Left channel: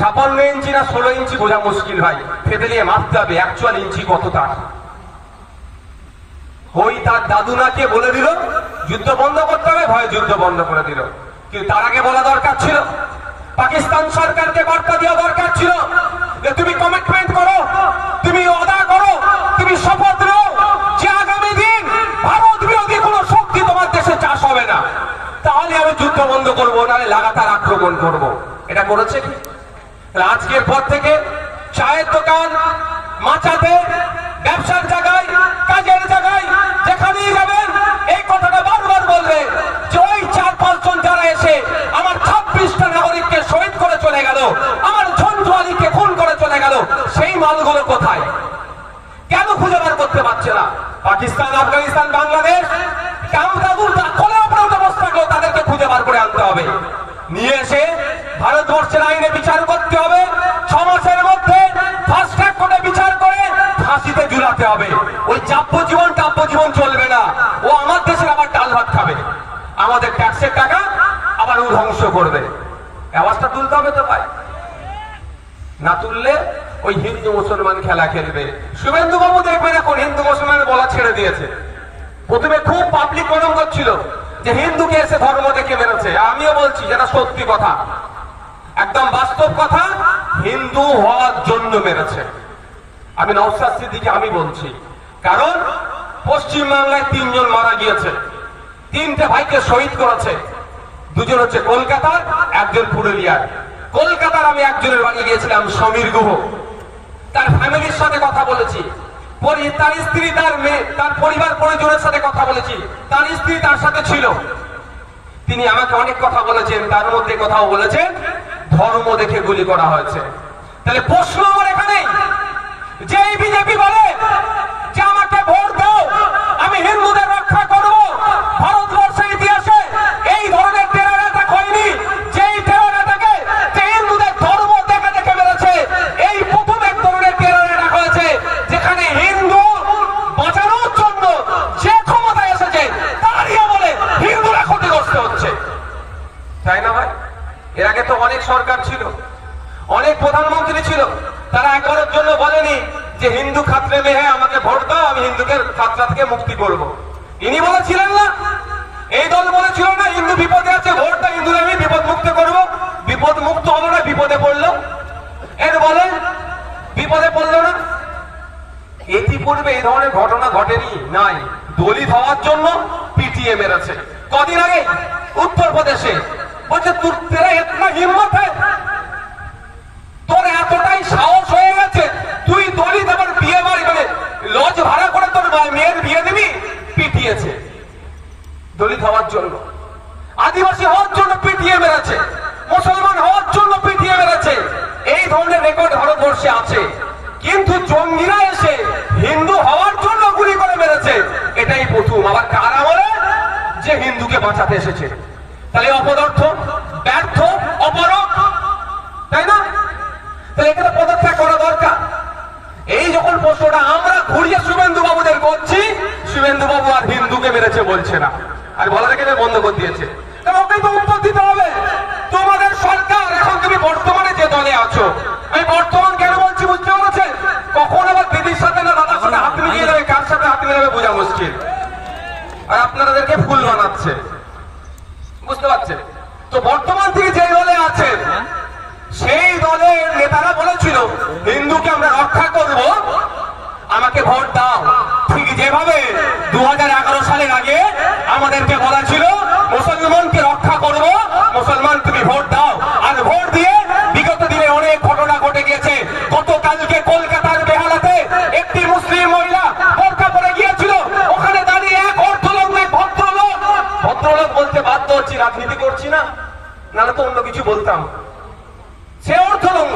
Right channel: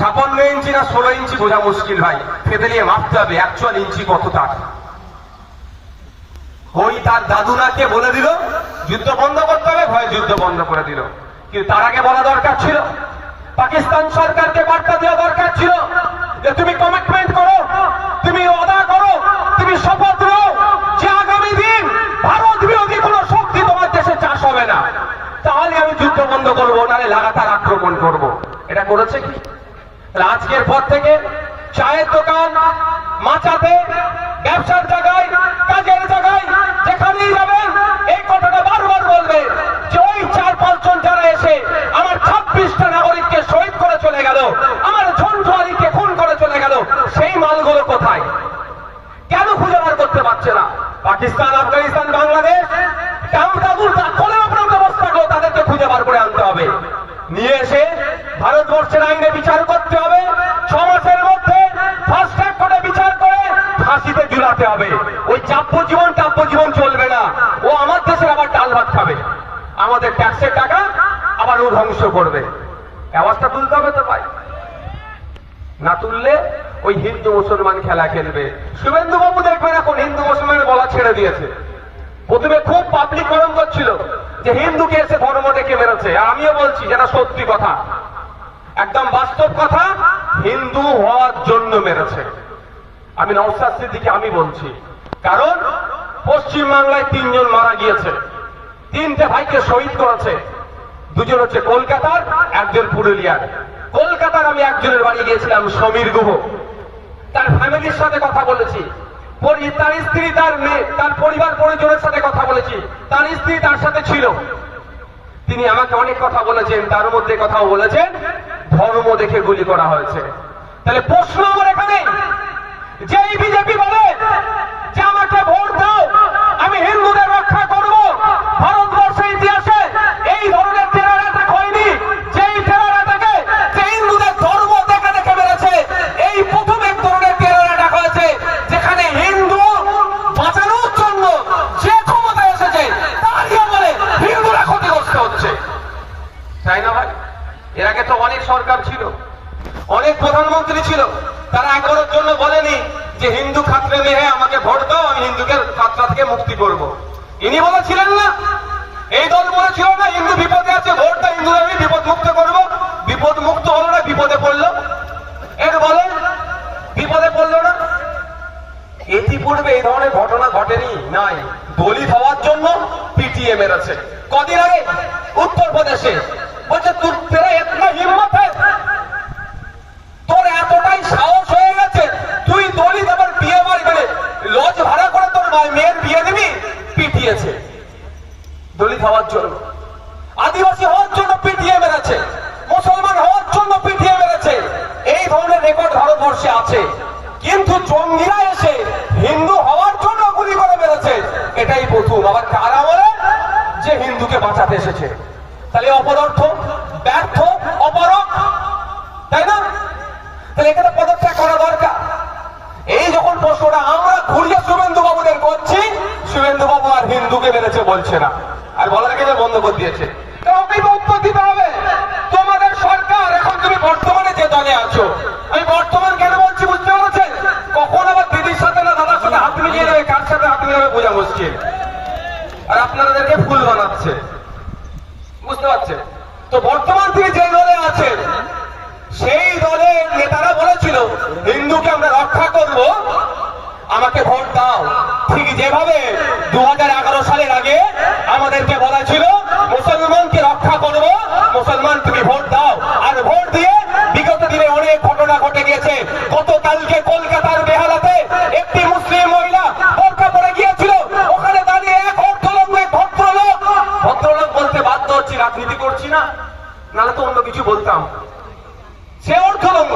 56 ইঞ্চি না 16 ইঞ্চি বোঝা মুশকিল ভাই, ফেদে নিয়ে মাপতে হবে 41 ইঞ্চি কত তার। ওই তার দাদু নাকে বলে দিল যুদ্ধ বন্ধ করতে হবে, ভয়ে যুদ্ধ বন্ধ করে দিল। কিন্তু তার আগে বলা দরকার ছিল, পাকিস্তান সরকারকে বার্তা দেওয়া দরকার ছিল যে তুমি কমিটমেন্ট করো, তুমি ওয়াদা করো, তুমি শপথ নাও যে আগামী দিন ভারত বিরোধী কোন শক্তি তোমার দেশে চাষ হবে না, তাহলে আমি যুদ্ধ বন্ধ করবো, নাহলে লাগাতার আক্রমণ করব। এটা করেছে কি? আজকের পর থেকে চায়ের দোকান, মাচাতে, ব্যবসার জায়গায়, কাজের জায়গায় যেখানেই যাবেন এই কথাটা বারবার বলবে যে ওই 4-5 জন যারা এসে আমার 26টা নাগরিককে শহীদ করে চলে গেল, আমার ঝন্টু আলীকে খুন করে চলে গেল, সেই মালগুলো কোথায়? কেন খুঁজে বার করতে পারছে না? পাকিস্তান, আফগানিস্তান, বাংলাদেশ তাদেরকে খুঁজে বার করে আনতে হবে, নিয়ে এসে ভারতবর্ষের আইনে বিচার করতে হবে, 6 মাসের মধ্যে ফাস্ট ট্র্যাক কোর্টে বিচার করে ফাঁসিতে ঝুলাতে হবে। ওই যাব্যজীবন চলবে না। ও আমার দেশের আবার ডাল ভাত খাবে, আমাদের ট্যাক্সের টাকা আবার ও ধ্বংস করবে। আওয়াজটা তুলতে হবে তো ভাই, না তুললে ওই হিন্দু মুসলমান খেলা খেলবে। শুভেন্দু বাবু দেখবেন এখন হিন্দু মুসলমানের বলা ছেড়ে দিয়েছে। প্রথমে খুব পাবলিক কলম করছিল যে হিন্দুকে এসে ধর্ম দেখে মেরেছে। আমিও বলছি যেটা সত্যি কথা, একদম বাস্তব কথা, হিন্দু হওয়ার জন্য মেরেছে। আমি নওশাদ সিদ্দিকী আমি বলছি, কারণ পশ্চিমবাংলায় 3 জন মারা গিয়েছে, 3টে ভাইকে শহীদ করেছে। 2জন হচ্ছে কলকাতার, 1জন পুরুলিয়ার। কলকাতার আমি একজনের বাড়ি গিয়েছিলাম, সমীর গুহ, তার ফ্যামিলির সাথে কথা বলেছি, তার স্ত্রী, তার মেয়ে, তার পরিবার পরিজনের সাথে কথা বলেছি, তার স্ত্রী তার সাথে ছিল। তিনি আমাকে অনেক কথা বলেছেন, তার মধ্যে কথাও বলেছেন ধর্ম দেখে গুলি করা হয়েছে। তাহলে প্রশ্ন আমার এখানে, যে বিজেপি বলে যে আমাকে ভোট দাও, আমি হিন্দুদের রক্ষা করব, ভারতবর্ষের ইতিহাসে এই ধরনের টেরর অ্যাটাক হয়নি। যেই টেরর অ্যাটাকে যে হিন্দুদের ধর্ম দেখে দেখে মেরেছে, এই প্রথম এক ধরনের টেরর অ্যাটাক হয়েছে যেখানে হিন্দু বাঁচানোর জন্য যে ক্ষমতায় এসেছে তারই আমলে হিন্দুরা ক্ষতিগ্রস্ত হচ্ছে, তাই না ভাই? এর আগে তো অনেক সরকার ছিল, অনেক প্রধানমন্ত্রী ছিল, তারা একবারের জন্য বলেনি যে হিন্দু খাতরে মে হ্যাঁ আমাকে ভোট দাও, আমি হিন্দুকে খাতরা থেকে মুক্তি করব। ইনি বলেছিলেন না, এই দল বলেছিল না হিন্দু বিপদে আছে, ভোট দাও, হিন্দুরা আমি বিপদ মুক্ত করব। বিপদ মুক্ত হলো না, বিপদে পড়লো। এর বলে বিপদে পড়লো না। ইতিপূর্বে এই ধরনের ঘটনা ঘটেনি, নাই। দলিত হওয়ার জন্য পিটিয়ে মেরেছে। কদিন আগে উত্তরপ্রদেশে বলছে তুই তেরা এতনা হিম্মত है, তোর এতটাই সাহস হয়ে গেছে, তুই দলিত আবার বিয়ে বাড়ি মানে লজ ভাড়া করে তোর মেয়ের বিয়ে দিবি? পিটিয়েছে দলিত হওয়ার জন্য, আদিবাসী হওয়ার জন্য পিটিয়ে মেরেছে, মুসলমান হওয়ার জন্য পিটিয়ে মেরেছে। এই ধরনের রেকর্ড ভারতবর্ষে আছে। কিন্তু জঙ্গিরা এসে হিন্দু হওয়ার জন্য গুলি করে মেরেছে, এটাই প্রথম। আবার কার আমলে? যে হিন্দুকে বাঁচাতে এসেছে। তাহলে অপদার্থ, ব্যর্থ, অপরক, তাই না? তাহলে এখানে পদত্যাগ করা দরকার। এই যখন প্রশ্নটা আমরা ঘুরিয়ে শুভেন্দু বাবুদের করছি, শুভেন্দু বাবু আর হিন্দুকে মেরেছে বলছে না, আর বলা থেকে বন্ধ করে দিয়েছে। ওকেই তো উত্তর দিতে হবে। তোমাদের সরকার, এখন তুমি বর্তমানে যে দলে আছো, আমি বর্তমান কেন বলছি বুঝতে পেরেছেন? কখন আবার দিদির সাথে না দাদার সাথে হাত মিলিয়ে যাবে, কার সাথে হাত মিলিয়ে যাবে বোঝা মুশকিল। আর আপনাদেরকে ফুল বানাচ্ছে, বুঝতে পারছেন তো? বর্তমান তিনি যে দলে আছেন, সেই দলের নেতারা বলেছিল হিন্দুকে আমরা রক্ষা করব, আমাকে ভোট দাও। ঠিক যেভাবে 2011 সালের আগে আমাদেরকে বলা ছিল মুসলমানকে রক্ষা করব, মুসলমান তুমি ভোট দাও। আর ভোট দিয়ে বিগত দিনে অনেক ঘটনা ঘটে গিয়েছে। গতকালকে কলকাতার বেহালাতে একটি মুসলিম মহিলা বোরকা পরে গিয়েছিল, ওখানে দাঁড়িয়ে এক অর্থলোক, এক ভদ্রলোক, ভদ্রলোক বলতে বাধ্য হচ্ছি, রাজনীতি করছি না, নাহলে তো অন্য কিছু বলতাম। সে অর্থলঙ্গ,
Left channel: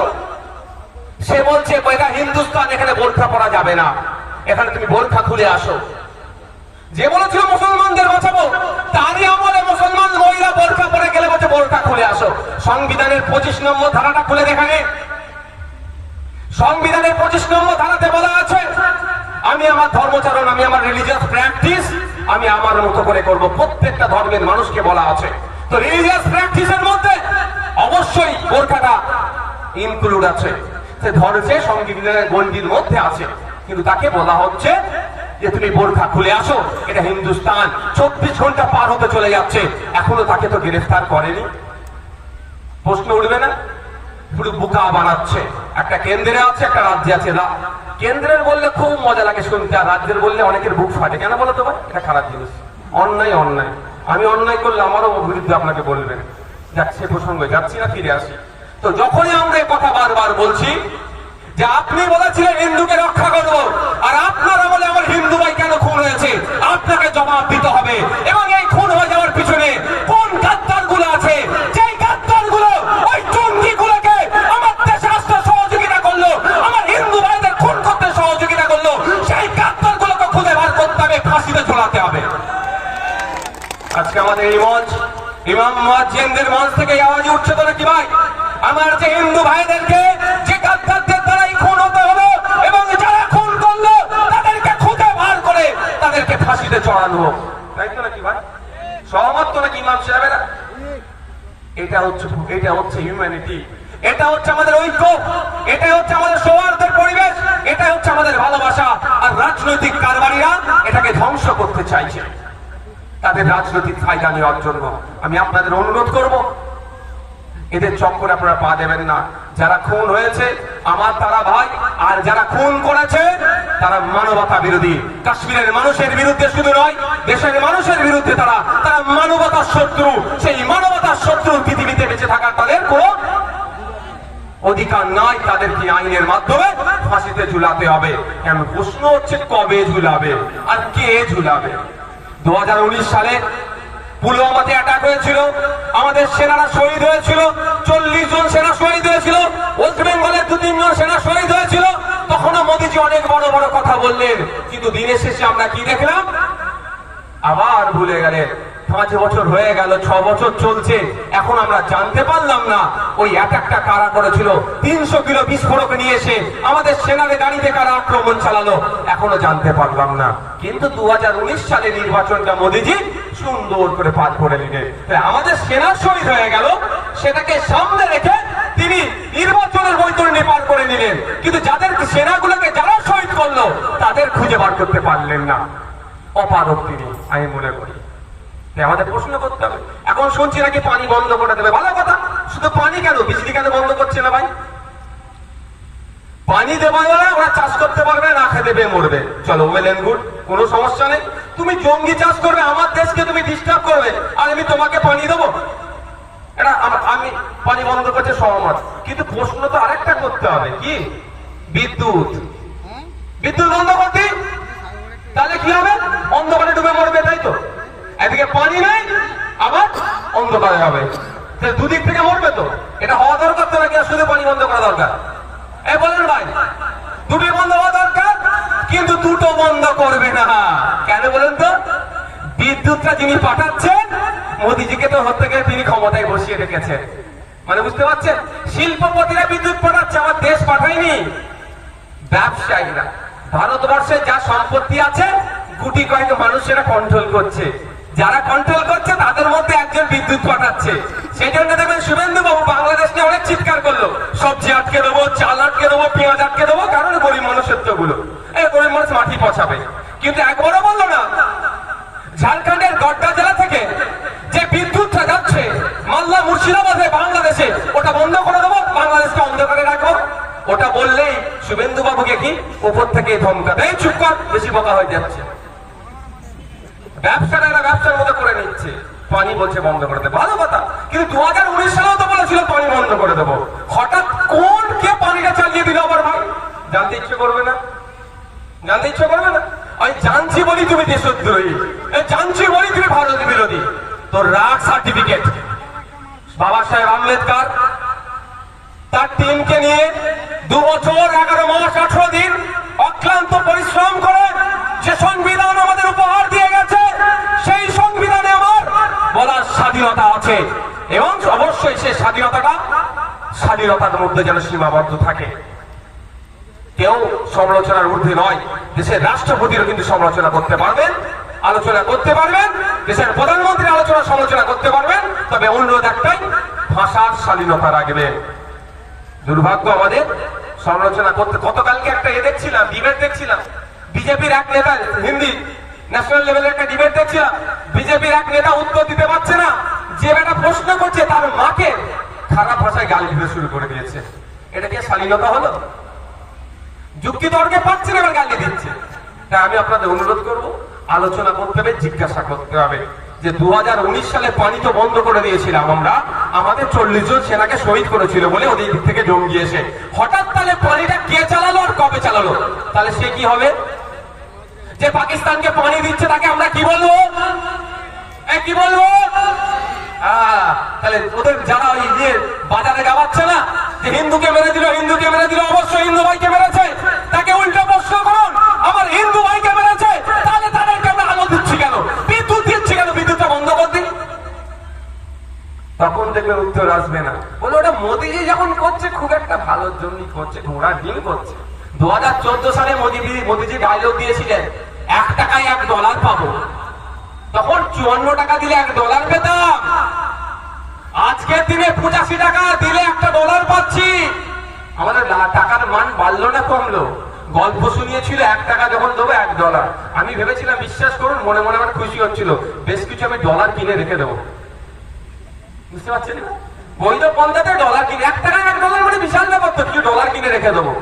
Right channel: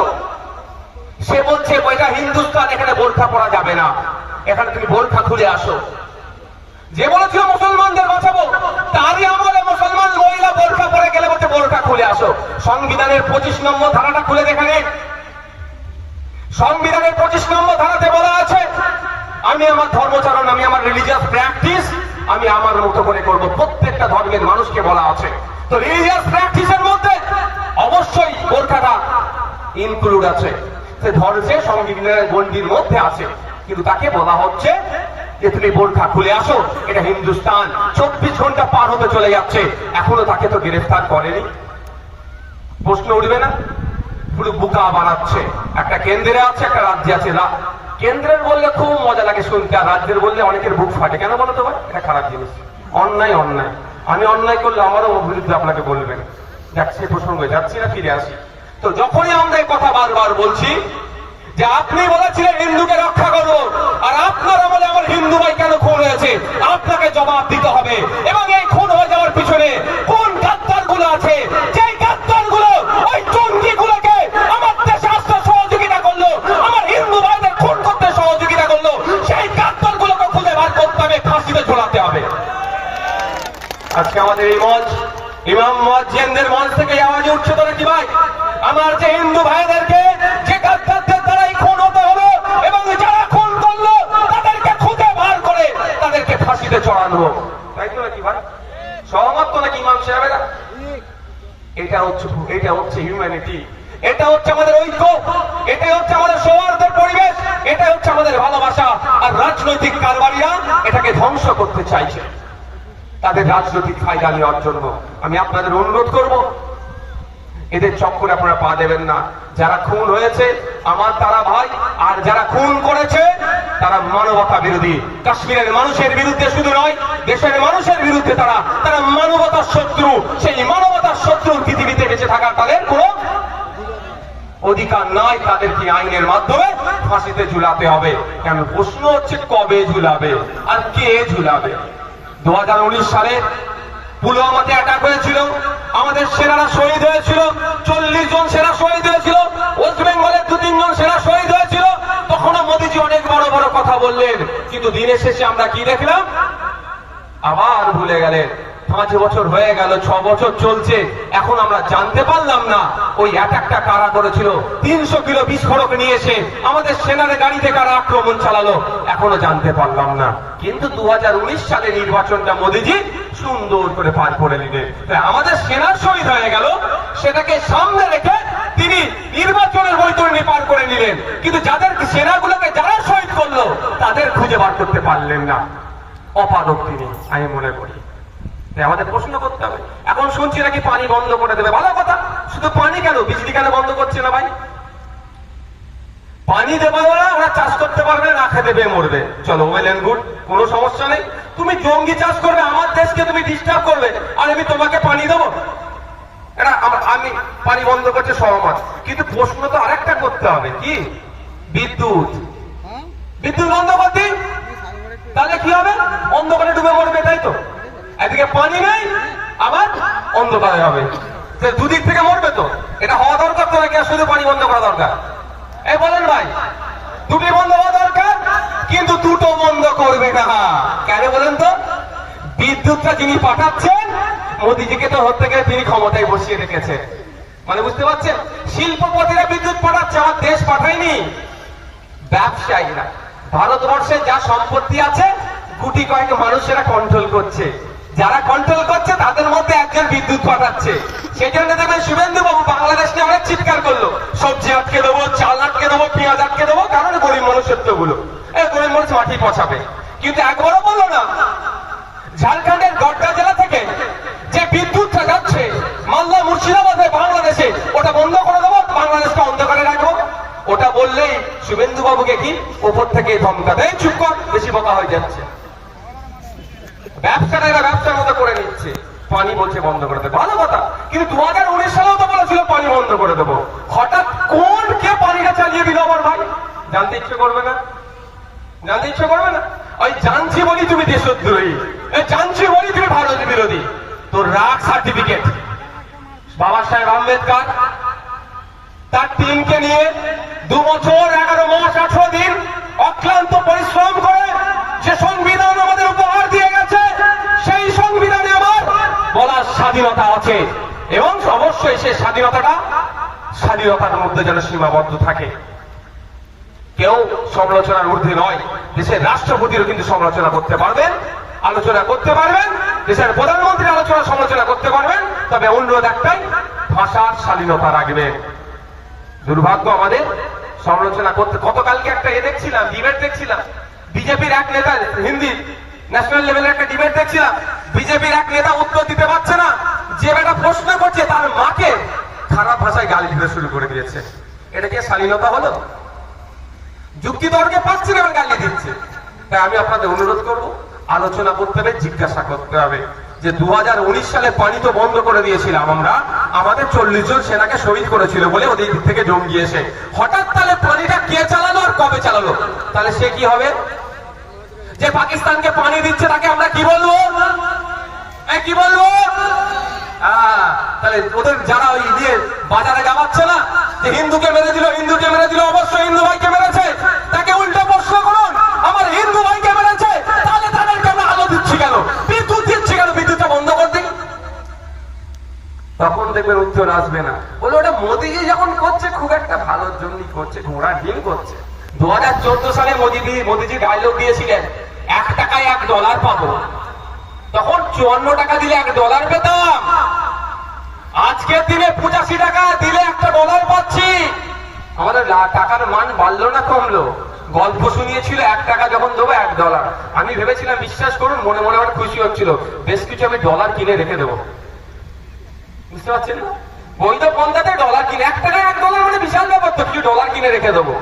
সে বলছে এটা হিন্দুস্তান, এখানে বোরখা পরা যাবে না, এখানে তুমি বোরখা খুলে আসো। যে বলেছিল মুসলমানদের বাঁচাবো, তারই আমলে মুসলমান মহিলা বোরখা পরে গেলে বলছে বোরখা খুলে আসো। সংবিধানের 25 নম্বর ধারাটা খুলে দেখে নিন। সংবিধানের 25 নম্বর ধারাতে বলা আছে, আমি আমার ধর্মচারণ, আমি আমার রিলিজিয়াস প্র্যাকটিস আমি আমার মতো করে করব। প্রত্যেকটা ধর্মের মানুষকে বলা আছে। তো রিলিজিয়াস প্র্যাকটিসের মধ্যে অবশ্যই বোরখাটা ইনক্লুড আছে, সে ধরেছে সংবিধানের গণ্ডির মধ্যে আছে, কিন্তু তাকে বলা হচ্ছে যে তুমি বোরখা খুলে আসো, এটা হিন্দুস্তান। 24 ঘন্টা পার হতে চলে যাচ্ছে, এখনো তাকে তো গ্রেফতার করেনি। প্রশ্ন উঠবে না? পুরো বোকা বানাচ্ছে। একটা কেন্দ্রে আছে, একটা রাজ্যে আছে। কেন্দ্রের বললে খুব মজা লাগে শুনতে, আর রাজ্যের বললে অনেকের বুক ফাটে। কেন বলো তো ভাই? এটা খারাপ জিনিস। অন্যায় অন্যায়, আমি অন্যায় করলে আমারও বিরুদ্ধে আপনাকে বলবেন। যাক, সে প্রসঙ্গে যাচ্ছি না, ফিরে আসি। তো যখনই আমরা এই কথা বারবার বলছি যে আপনি বলেছিলেন হিন্দুকে রক্ষা করব, আর আপনারা বলে আমার হিন্দু ভাই কেন খুন হয়েছে, আপনাকে জবাব দিতে হবে। এবং এই খুন হয়ে যাওয়ার পিছনে কোন গাদ্দার গুলো আছে, যেই গাদ্দার গুলো ওই টঙ্গি গুলোকে আমার দেশে আসতে সহযোগিতা করলো, আমার হিন্দু ভাইদের খুন করতে সহযোগিতা করলো, সেই গাদ্দার গুলোকে খুঁজে বার করতে হবে, ফাঁসিতে ঝোলাতে হবে। আজকে আমাদের এই মঞ্চ, ইমাম মুয়াজ্জিনদের মঞ্চ থেকে আওয়াজ উঠছে তো নাকি ভাই? আমার যে হিন্দু ভাইদেরকে যে গাদ্দারদের দ্বারাই খুন হতে হবে, এবং যারা খুন করলো তাদেরকে খুঁজে বার করে তাদেরকে ফাঁসিতে চড়ানো হোক, তাই তো নাকি ভাই? সহমত তো নাকি ইমাম সাহেবেরা? এটা হচ্ছে হিউম্যানিটি, এটা হচ্ছে আমাদের ঐক্য, এটা হচ্ছে আমাদের সৌহার্দ্যের পরিবেশ, এটা হচ্ছে আমাদের ভালোবাসা। আর রাজনৈতিক কারবারিরা এটাকে ধ্বংস করতে চাইছে তাদের রাজনৈতিক ফায়দা নেওয়ার জন্য। আমি আপনাদের অনুরোধ করব, এদের চক্করে আপনারা পা দেবেন না। যারা খুন হয়েছে আমার তারা ভাই, আর যারা খুন করেছে তারা মানবতা বিরোধী। কাশ্মীরের মানুষের বিরুদ্ধে শুধু নয়, দেশের মানুষের বিরুদ্ধে তারা মানবতার শত্রু। সেই মানবতার শত্রু পৃথিবীতে বেঁচে থাকার তাদের কোনো অধিকার নাই। তাদেরকে আইনের মাধ্যমে ফাঁসিতে ঝুলাতে হবে। কেন? প্রশ্ন হচ্ছে কবে ঝুলাবে আর কে ঝুলাবে? 2019 সালে পুলওয়ামাতে অ্যাটাক হয়েছিল, আমাদের সেনারা শহীদ হয়েছিল, 40 জন সেনা শহীদ হয়েছিল, ওয়েস্ট বেঙ্গলের 2-3 জন সেনা শহীদ হয়েছিল। তখনও মোদীজি অনেক বড় বড় কথা বললেন, কিন্তু দিনের শেষে আমরা কি দেখলাম? আবার ভুলে গেলেন। 5 বছর হয়ে গেল, 6 বছর চলছে, এখন আমরা জানতে পারলাম না ওই অ্যাটাকটা কারা করেছিল। 300 কিলো বিস্ফোরক নিয়ে এসে আমাদের সেনার গাড়িতে কারা আক্রমণ চালালো, এখনো জানতে পারলাম না। কিন্তু 2019 সালে নির্বাচনটা মোদীজি সুন্দর করে পার করে নিলেন। আমাদের সেনা শহীদ হয়ে গেল, সেটাকে সামনে রেখে তিনি নির্বাচনের বৈতরণী পার করে নিলেন, কিন্তু যাদের সেনাগুলোকে যারা শহীদ করলো তাদের খুঁজে বার করতে পারলেন না। অপারক তিনি, আমি মনে করি। আমাদের প্রশ্ন করতে হবে। এখন শুনছি নাকি পানি বন্ধ করে দেবে, ভালো কথা। শুধু পানি কেন, বিজলি কেন বন্ধ করছে না ভাই? পানি দেবে না, ওরা চাষ করতে পারবে না, খেতে দেবে, মরবে। চলো, ওয়েল এন্ড গুড, কোনো সমস্যা নেই। তুমি জঙ্গি চাষ করবে, আমার দেশকে তুমি ডিস্টার্ব করবে, আর আমি তোমাকে পানি দেবো? এটা আমি পানি বন্ধ করতে সহমত, কিন্তু প্রশ্ন তো আরেকটা করতে হবে। কি? বিদ্যুৎ বন্ধ করতে, তাহলে কি হবে? অন্ধকারে ডুবে মরবে, তাই তো? এদিকে পানি নেই, আবার অন্ধকারে হবে, দুদিক থেকে মরবে। তো এটা হওয়া দরকার তো নাকি? শুধু পানি বন্ধ করা দরকার? এই বলেন ভাই, দুটি বন্ধ হওয়া দরকার, কিন্তু দুটো বন্ধ করবে না। কেন বলেন তো? বিদ্যুৎটা যিনি পাঠাচ্ছেন, মোদীজিকে তো হতে গিয়ে তিনি ক্ষমতায় বসিয়ে রেখেছেন। মানে বুঝতে পারছেন? শিল্পপতিরা বিদ্যুৎ পাঠাচ্ছে, আমার দেশ পাঠায়নি। ব্যবসায়ীরা, ভারতবর্ষে যা সম্পত্তি আছে গুটি কয়েক মানুষেরা কন্ট্রোল করছে। যারা কন্ট্রোল করছে তাদের মধ্যে একজন বিদ্যুৎ পাঠাচ্ছে। সেই জন্য দেখবেন শুভেন্দু বাবু বাংলাদেশ নিয়ে অনেক চিৎকার করলো, সবজি আটকে দেবো, চাল আটকে দেবো, পেঁয়াজ আটকে দেবো, কারণ গরিব মানুষের তো গুলো, এই গরিব মানুষ মাটি পচাবে। কিন্তু একবারও বললো না ঝাড়খণ্ডের গড্ডা জেলা থেকে যে বিদ্যুৎটা যাচ্ছে মালদা মুর্শিদাবাদে বাংলাদেশে, ওটা বন্ধ করে দেবো, বাংলাদেশকে অন্ধকারে রাখবো। ওটা বললেই শুভেন্দু বাবুকে কি উপর থেকে ধমকা দেয়, চুপ কর, বেশি বকা হয়ে যাচ্ছে। ব্যবসাটা এরা ব্যবসার মতো করে নিচ্ছে। পানি বলছে বন্ধ করে দেবো, ভালো কথা, কিন্তু 2019 সালেও তো বলেছিল পানি বন্ধ করে দেবো। হঠাৎ কোন কে পানিটা চালিয়ে দিল আবার ভাই? জানতে ইচ্ছে করবে না? জানতে ইচ্ছে করবে না? ওই জানছি বলি তুমি দেশদ্রোহী, জানছি বলি তুমি ভারত বিরোধী। তোর রাগ সার্টিফিকেট। বাবা সাহেব আম্বেদকর তার টিমকে নিয়ে 2 বছর 11 মাস 18 দিন অক্লান্ত পরিশ্রম করে যে সংবিধান আমাদের উপহার দিয়ে গেছে, সেই সংবিধানে আমার বলার স্বাধীনতা আছে, এবং অবশ্যই সেই স্বাধীনতার মধ্যে যেন সীমাবদ্ধ থাকে। কেউ সমালোচনার ঊর্ধ্বে নয়। দেশের রাষ্ট্রপতিও কিন্তু সমালোচনা করতে পারবেন, আলোচনা করতে পারবেন, দেশের প্রধানমন্ত্রী সমালোচনা করতে পারবেন, তবে অনুরোধ একটাই, ভাষার স্বাধীনতা রাখবেন। দুর্ভাগ্য আমাদের সমালোচনা করতে। গতকালকে একটা দেখছিলাম, ডিবেট দেখছিলাম, বিজেপির এক নেতা, হিন্দি ন্যাশনাল লেভেলের একটা ডিবেট দেখছিলাম, বিজেপির এক নেতা উত্তর দিতে পারছে না, যে বেটা প্রশ্ন করছে তার মাকে খারাপ ভাষায় গালি দিতে শুরু করে দিয়েছে। এটা কি শালীনতা হলো? যুক্তি তর্কে পাচ্ছে না, গালি দিচ্ছে। তাই আমি আপনাদের অনুরোধ করব, আলোচনা করতে হবে, জিজ্ঞাসা করতে হবে যে 2019 সালে পানি তো বন্ধ করে দিয়েছিলাম আমরা, আমাদের 40 জন সেনাকে শহীদ করেছিল বলে ওদের দিক থেকে জঙ্গি এসে, হঠাৎ তাহলে পানিটা কে চালালো আর কবে চালালো? তাহলে সে কি হবে? যে পাকিস্তানকে পানি দিচ্ছে তাকে আমরা কি বলবো? কি বলবো? তাহলে ওদের যারা ওই দিয়ে বাজারে গাওয়াচ্ছে না যে হিন্দুকে মেরে দিল, হিন্দুকে মেরে দিল, অবশ্যই হিন্দু ভাইকে মেরেছে, তাকে উল্টো প্রশ্ন করুন, আমার হিন্দু ভাইকে মেরেছে, তাহলে তাদেরকে আমরা আলো দিচ্ছি কেন, বিদ্যুৎ দিচ্ছি কেন, বিদ্যুৎটা বন্ধ করে দিন। তখন দেখবেন উত্তর আসবে না, বলে ওটা মোদিজি যখন করছে খুব একটা ভালোর জন্যই করছে, ঘোড়া ডিম করছে। 2014 সালে মোদিজি ডায়লগ দিয়েছিলেন, $1 $1 পাবো, তখন 54 টাকা দিলে $1 পেতাম, আজকের দিনে 85 টাকা দিলে $1 পাচ্ছি। আমাদের টাকার মান বাড়লো না কমলো? গল্প শুনিয়েছিল $1 যখন দেবো $1, আমি ভেবেছিলাম, বিশ্বাস করুন মনে মনে আমার খুশি হচ্ছিল, বেশ কিছু আমি ডলার কিনে রেখে দেবো। বুঝতে পারছেন না? বৈধ পন্থাতে ডলার কিনে, $1 $1 মানে বিশাল ব্যাপার তো, কিছু ডলার কিনে রেখে দেবো।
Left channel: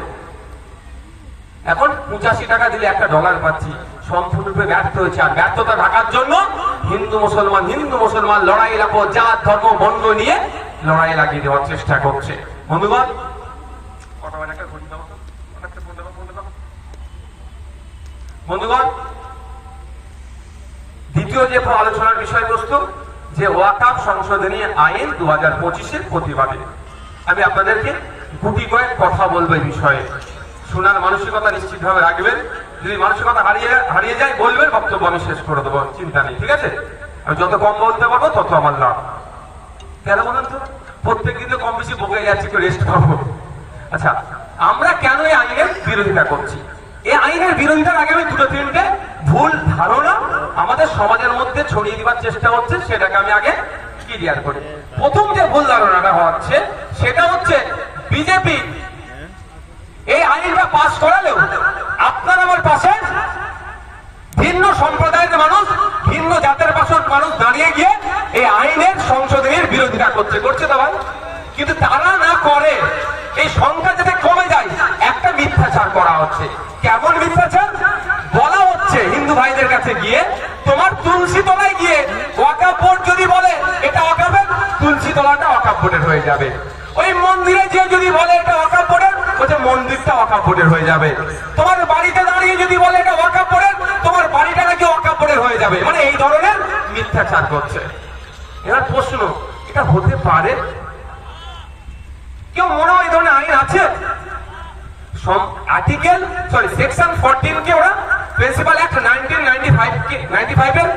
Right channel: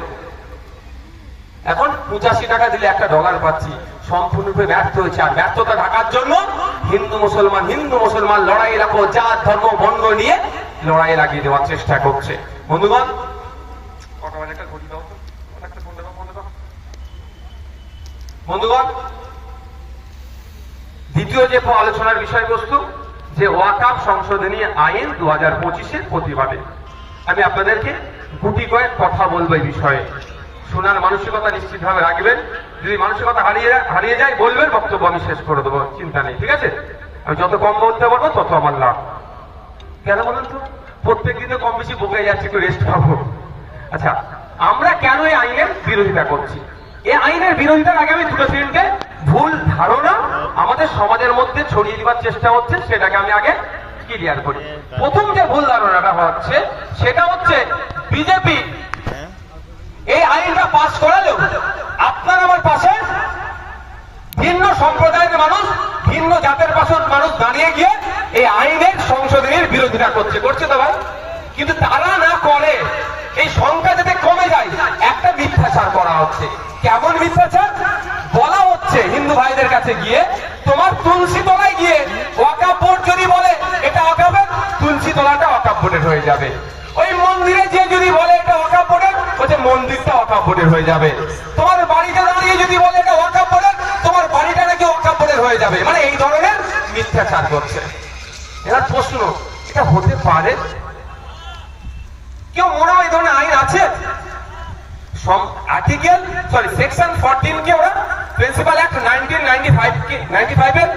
এখন 85 টাকা দিলে $1 পাচ্ছি, সম্পূর্ণরূপে ব্যর্থ হয়েছে। আর ব্যর্থতা ঢাকার জন্য হিন্দু মুসলমান লড়াই লাগো, জাত ধর্ম বর্ণ নিয়ে লড়াই লাগিয়ে দেওয়ার চেষ্টা করছে। বন্ধুগণ, দ্বিতীয় যে আলোচনার বিষয়বস্তু, যে ওয়াকফ সংশোধনী আইন 2025-এর প্রতিবাদে আমি আপনাদেরকে গুটি কয়েক কথা বলবো। এই বিষয়ে শোনার মানসিকতা নিশ্চিতভাবে রাখবেন, যদি মানসিকতা হারিয়ে যায় বলবেন, বক্তব্য আমি শেষ করে দেবো, চিন্তা নেই, ঠিক আছে? আমি যত কম বলতে পারবো তত আমার লাভ। কেন বলেন তো? প্রত্যেক দিনে কম বেশি বকে যাচ্ছে, একটু রেস্ট পাবো। আচ্ছা, আমরা কেন এই আইনের বিরোধিতা করছি? এই আইনের বিরোধিতার আগে আমি দুটো তিনটে ভুল ধারণা আমাদের সমাজের মধ্যে ছড়িয়ে দেওয়ার চেষ্টা হচ্ছে, সেটাকে আমি আগে ক্লিয়ার করি। প্রথম যে ভুল ধারণাটা হচ্ছে সেটা হচ্ছে, বিজেপি এই আইনটা পাস করালেও আপনার আমার পাশে ভিন্ন সম্প্রদায়ের মানুষ, ভিন্ন জাতের মানুষ দাঁড়িয়ে গিয়ে এই আইনের সংশোধনীর বিরোধিতা করছে তো ভাই। কিন্তু তারা না করে, এই সংখ্যা যাতে কমে যায়, একটা মিথ্যাচার করা হচ্ছে। কেমন মিথ্যাচার? বলা হচ্ছে হিন্দু ভাইদের কাছে গিয়ে, তোমার তুলসী তলায় গিয়ে ওয়াকফ বোর্ড যদি বলে এটা ওয়াকফের, তুলসী তলাটা ওয়াকফ বোর্ডের হয়ে যাবে। ওই মন্দিরে যে যদি বলে এটা ওয়াকফ বোর্ডের, বলছে মন্দিরটা ওয়াকফ বোর্ডের হয়ে যাবে। তোমার বাড়িতে দাঁড়িয়ে যদি বলে এটা ওয়াকফ বোর্ডের, তোমার বাড়িটা নাকি ওয়াকফ বোর্ডের হয়ে যাবে। মানে এই ধরনের মিথ্যাচার করছে। এবার প্রশ্ন, এটা হতে পারে? কেউ মনে হয় এই ধরনের আইন আছে? সেকশন 14 কে ওরা প্রিন্সিপাল অ্যাক্ট 1995 এর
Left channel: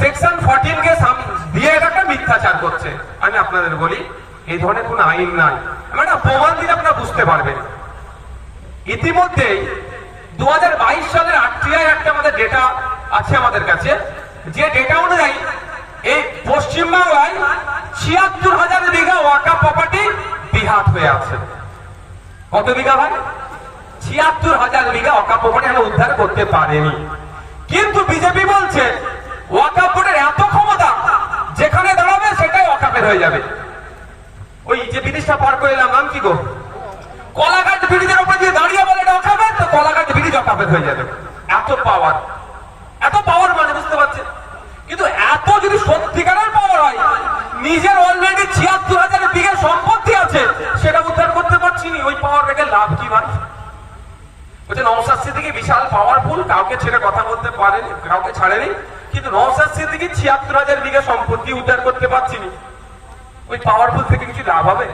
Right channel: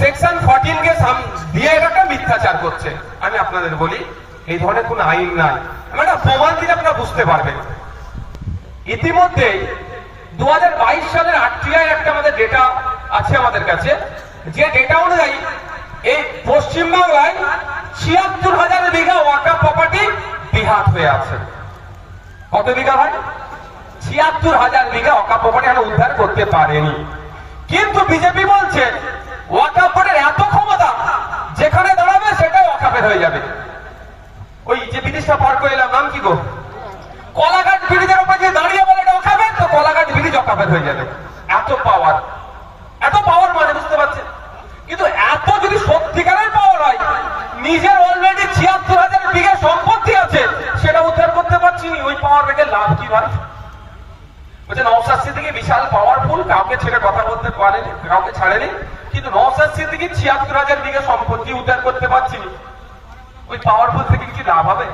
সেকশন 14 কে দিয়ে একটা মিথ্যাচার করছে। আমি আপনাদের বলি, এই ধরনের কোন আইন নাই। আমি একটা প্রমাণ দিলে আপনারা বুঝতে পারবেন। ইতিমধ্যে 2022 সালের RTI একটা আমাদের ডেটা আছে আমাদের কাছে, যে ডেটা অনুযায়ী এই পশ্চিমবাংলায় ৭৬,০০০ বিঘা ওয়াকফ প্রপার্টি বিহাত হয়ে আছে। কত বিঘা ভাই? ৭৬,০০০ বিঘা ওয়াকফ প্রপার্টি আমরা উদ্ধার করতে পারেনি। কিন্তু বিজেপি বলছে ওয়াকফ বোর্ডের এত ক্ষমতা, যেখানে দাঁড়াবে সেটাই ওয়াকফের হয়ে যাবে। ওই যে ব্রিটিশটা পার করে এলাম, নাম কি গো? কলাঘাট ব্রিজের উপর যে দাঁড়িয়ে বলে এটা ওয়াকফের, তো কলাঘাট ব্রিজ ওয়াকফের হয়ে যাবে। এত পাওয়ার, এত পাওয়ার মানে বুঝতে পারছেন? কিন্তু এত যদি সত্যিকারের পাওয়ার হয়, নিজের অলরেডি ৭৬,০০০ বিঘা সম্পত্তি আছে, সেটা উদ্ধার করতে পারছি নি, ওই পাওয়ার রেখে লাভ কি ভাই? বলছে নওশাদ সিদ্দিকী বিশাল পাওয়ারফুল, কাউকে ছেড়ে কথা বলতে পারেনি, কাউকে ছাড়েনি, কিন্তু নওশাদ সিদ্দিকী ৭৬,০০০ বিঘা সম্পত্তি উদ্ধার করতে পারছি নি, ওই পাওয়ারফুল থেকে কিছু লাভ হবে?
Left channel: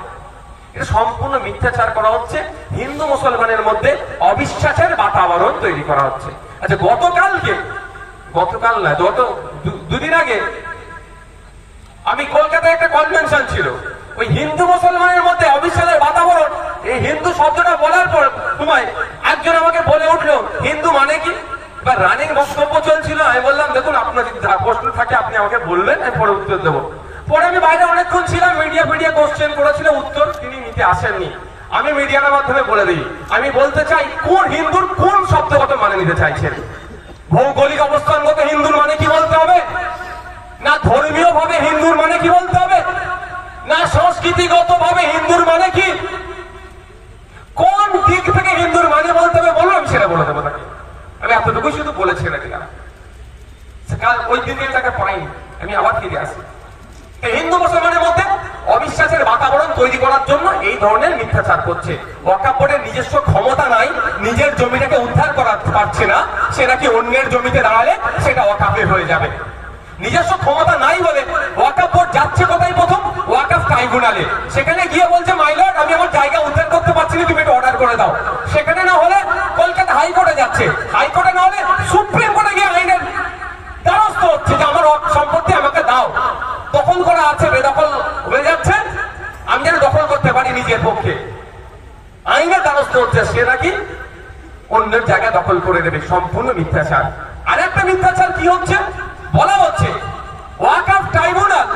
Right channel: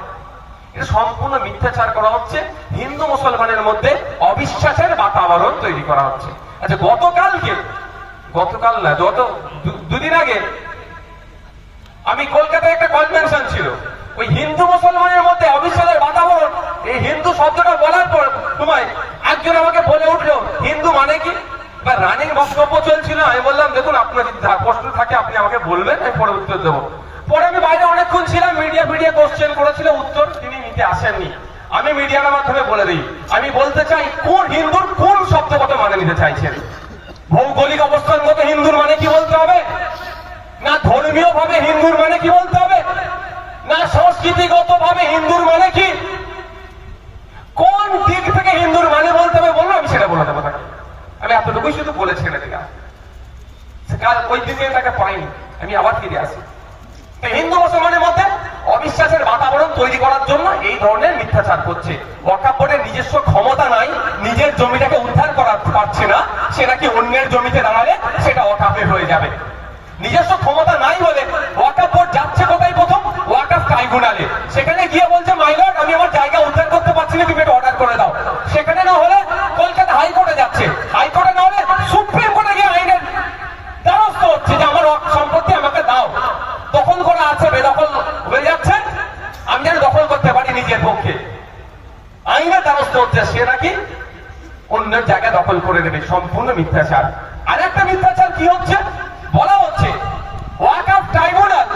এটা সম্পূর্ণ মিথ্যাচার করা হচ্ছে। হিন্দু মুসলমানের মধ্যে অবিশ্বাসের বাতাবরণ তৈরি করা হচ্ছে। আচ্ছা, গতকাল না, দুদিন আগে আমি কলকাতায় একটা কনভেনশন ছিল, ওই হিন্দু মুসলমানের মধ্যে অবিশ্বাসের বাতাবরণ, এই হিন্দু শব্দটা বলার পর তোমায় একজন আমাকে বলে উঠলো হিন্দু মানে কি? বা রানিং বক্তব্য চলছিল, আমি বললাম দেখুন আপনার যদি প্রশ্ন থাকে আপনি আমাকে বলবেন, আমি পরে উত্তর দেবো। পরে আমি বাইরে অনেকক্ষণ ছিলাম, মিডিয়া কোশ্চেন করেছিল, উত্তর তিনি নিতে আসেননি। আমি মিডিয়ার মাধ্যমে বলে দিই, আমি বলতে চাই কোন হিন্দুর কোন শব্দগত মানে নিতে চাইছেন। ভৌগোলিক অবস্থানগত হিন্দুর মানে কি বলতে হবে, না ধর্মীয় ভাবে হিন্দুর মানে কি বলতে হবে, না সংস্কৃতিগত ভাবে হিন্দুর মানে কি, কোন দিক থেকে হিন্দুর মানে বলতে হবে বললো আমি সেটা বলে দেবো তাকে। আমি এতটুকুই শুধু বলে ছেড়ে দিলাম, ওই দিকে তাকে পাইনি, আমি আবার ফিরে আসি। হিন্দু মুসলমানের মধ্যে অবিশ্বাসের বাতাবরণ তৈরি করার জন্য এই ধরনের মিথ্যাচার করছে। ওয়াকফ বোর্ডের নিজস্ব ক্ষমতা নাই, নিজের জমিটাকে উদ্ধার করা পারছে না, সে নাকি অন্যের জমিতে দাঁড়ালে সেটা ওয়াকফের হয়ে যাবে। নিজস্ব ক্ষমতা নাই বলে ওয়াকফ বোর্ড যাচ্ছে কোথায়, প্রথম ওয়াকফ ট্রাইব্যুনালে, সেখানে গিয়ে বলছে মাই লর্ড আমি আমার জায়গা উদ্ধার করতে পারছি না, তুমি এটা অর্ডার করে দাও। সেখানে না হলে কলকাতা হাইকোর্টে যাচ্ছে, হাইকোর্টে না হলে সুপ্রিম কোর্টে গিয়ে আইনের দ্বারস্থ হচ্ছে যে আমার সম্পত্তি আমাকে দাও। দখল করা আছে, বেদখল হয়ে যাচ্ছে, আমি যেন দখল করতে পারি নিজের পক্ষে, আইনের দ্বারস্থ হচ্ছে, সে নাকি অন্যের জায়গা দখল করে দেবে। সম্পূর্ণ মিথ্যাচার। আর একটা মিথ্যাচার কি হচ্ছে, বলা হচ্ছে ওয়াকফ ট্রাইব্যুনাল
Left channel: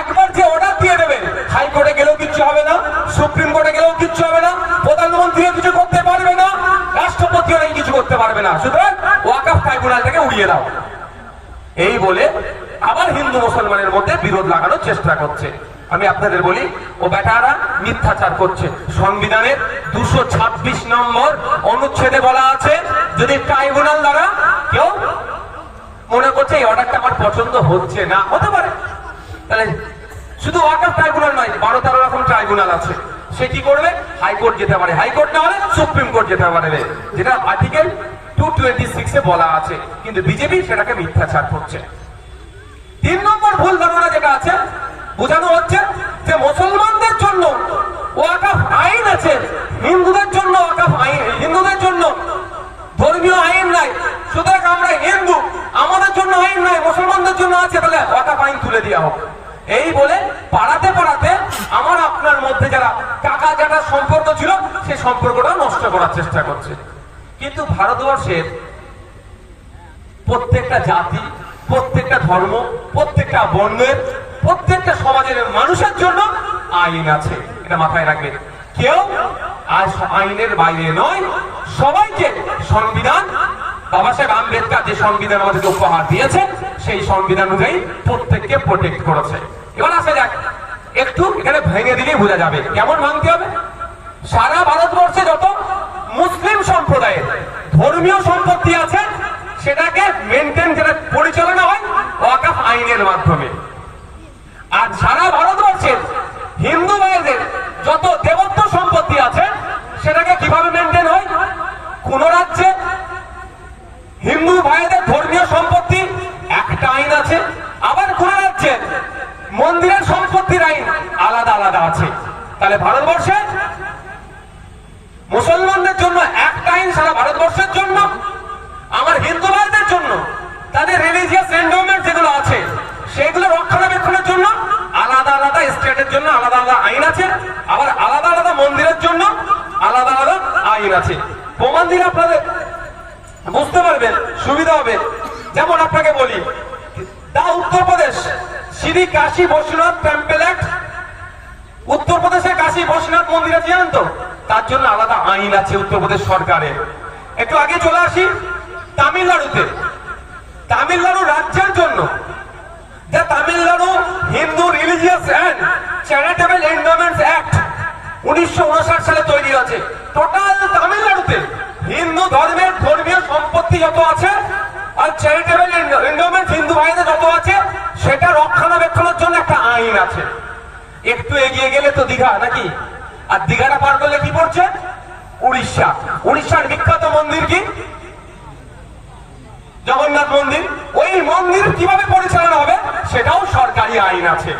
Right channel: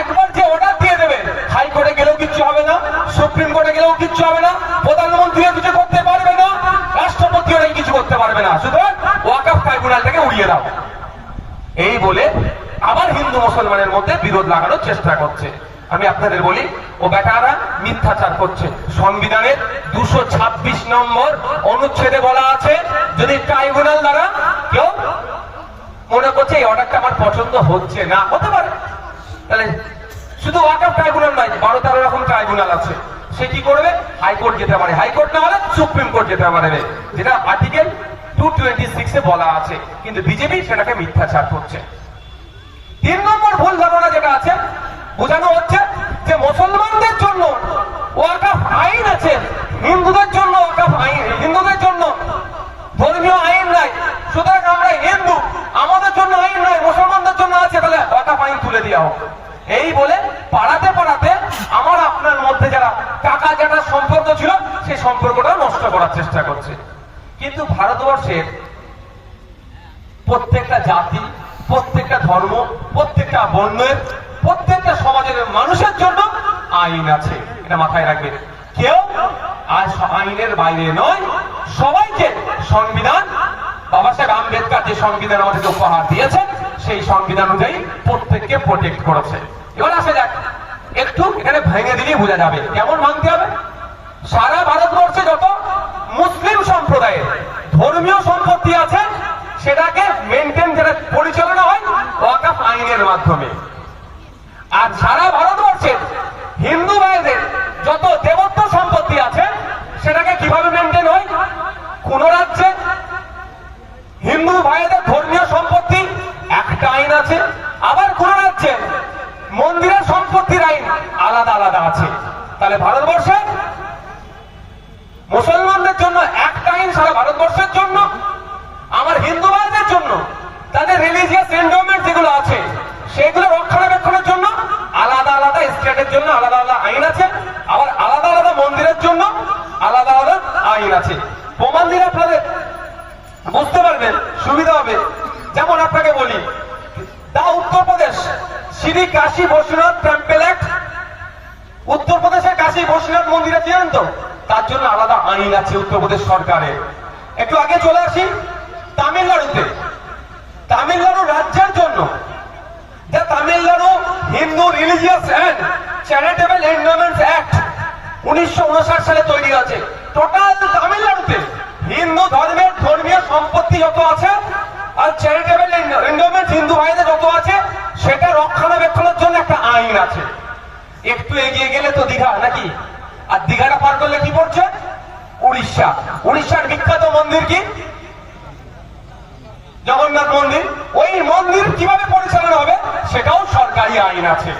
একবার যে অর্ডার দিয়ে দেবে, হাইকোর্টে গেলেও কিচ্ছু হবে না, সুপ্রিম কোর্টে গেলেও কিচ্ছু হবে না, প্রধানমন্ত্রীও কিছু করতে পারবে না, রাষ্ট্রপতিও কিছু করতে পারবে না, সুতরাং ওয়াকফ ট্রাইব্যুনালটাকে উড়িয়ে দাও, এই বলে আবার হিন্দু মুসলমানের মধ্যে বিরোধ লাগানোর চেষ্টা করছে। আমি আপনাদের বলি ও বেটারা মিথ্যাচার করছে। সংবিধানের 226 নম্বর অনুচ্ছেদে বলা আছে, যদি ট্রাইব্যুনাল দ্বারা কেউ মনে করছে এই অর্ডারটা আমার পছন্দ হচ্ছে না, হতে পারে, তাহলে শুধু ওয়াকফ ট্রাইব্যুনাল নয়, 12-13 রকম ট্রাইব্যুনাল আছে, সে কি করবে, হাইকোর্ট যেতে পারে, হাইকোর্ট না হলে সুপ্রিম কোর্ট যেতে পারবে, যেটা আর্টিকেল 226-এ বলা আছে। কিন্তু বিজেপি সেটাকে মিথ্যাচার করছে। 3 নম্বর ভুল ধারণা যেটা আছে, বোঝানো হচ্ছে যে মুসলমানদের জন্য ওয়াকফ আইন আছে, হিন্দুদের জন্য ওয়াকফ আইন, হিন্দুদের জন্য ধর্মীয় আইন নাই, সুতরাং আমরা হিন্দু, আমাদের জন্য আইন নাই, মুসলমানদের জন্য আছে, তাহলে ওয়াকফ আইন তুলে দেওয়া হোক, এই বলে পাড়াতে পাড়াতে আমার আপনার মধ্যে যারা কাকা জ্যাঠার সম্পর্ক ছিল সেই সম্পর্কটা নষ্ট করার চেষ্টা করছে। কিন্তু ভারতবর্ষের প্রত্যেকটা জাতি, প্রত্যেকটা ধর্ম, প্রত্যেকটা বর্ণের, প্রত্যেকটা সমাজের মানুষের জন্য আইন আছে, এটা মাথায় রাখবেন। কেউ আজ আইনের বাইরে নয়, সবাইকে সংবিধান, বাবা সাহেব আম্বেদকর যে সংবিধান আমাদের উপহার দিয়েছে সেই সংবিধান অনুযায়ী প্রত্যেককে প্রোটেক্ট করেছে। এবার আসে যাক, একটু এখানে ভেঙে দিলেই বোঝা যাবে কেমন ভাঙতে হবে। সারা ভারতবর্ষে যত মুসলিম সম্প্রদায়ের ধর্মীয় সম্পত্তি আছে সেটাকে মেনটেন, যেটা পরিচালনা হয় ওয়াকফ আইনের মাধ্যমে। আর সারা ভারতবর্ষের হিন্দু ভাইদের যত দেবত্ব সম্পত্তি আছে সেটাকে কিভাবে মেনটেন হয়, কোন রাজ্যে হিন্দু ভাইদের ধর্মীয় সম্পত্তি একটা আইন আছে, আবার কোন রাজ্যে মন্দিরের সম্পত্তির আইন আলাদা আলাদা আছে। তাহলে ভারতবর্ষে মুসলমানদের জন্য একটা আইন সারা ভারতবর্ষের জন্য, আমার হিন্দু ভাইদের জন্য তাদের রিলিজিয়াস এন্ডোমেন্ট যেগুলো আছে সেগুলো রক্ষণাবেক্ষণের জন্য আলাদা আলাদা স্টেটের জন্য আলাদা আলাদা আইন আছে, আবার আলাদা আলাদা মন্দিরের জন্য আলাদা আলাদা আইন আছে। প্রমাণ দিলে আপনাদের বুঝতে পারবেন, সুবিধা হবে। যেমন আপনাকে বলি, দা উত্তরপ্রদেশ শ্রী কাশী বৈশ্বনাথ টেম্পল অ্যাক্ট, উত্তরপ্রদেশের কাশী বৈশ্বনাথ মন্দির আছে জানেন তো, তার জন্য আলাদা আইন আছে উত্তরপ্রদেশ সরকারের। একটু আগে চলে আসি তামিলনাড়ুতে, তামিলনাড়ু রাজ্যের জন্য the Tamil Nadu Hindu religious and charitable endowments act 1959 সালে তৈরি হয়েছে। টোটাল তামিলনাড়ুতে হিন্দু ধর্মের ধর্মীয় সম্পত্তি যত আছে আর চ্যারিটেবল এন্ডোমেন্টস হিন্দু ভাইদের যত আছে সেটা রক্ষণাবেক্ষণের জন্য একটা আইন আছে। একটু এগিয়ে গেলে তো দীঘা নাকি, আর দীঘাটা পার করলে কি পড়ছে উড়িষ্যা। উড়িষ্যার বিখ্যাত মন্দির কি জগন্নাথ মন্দির, ওই মন্দির কিভাবে পরিচালনা হবে সেটাও সরকারি আইন আছে।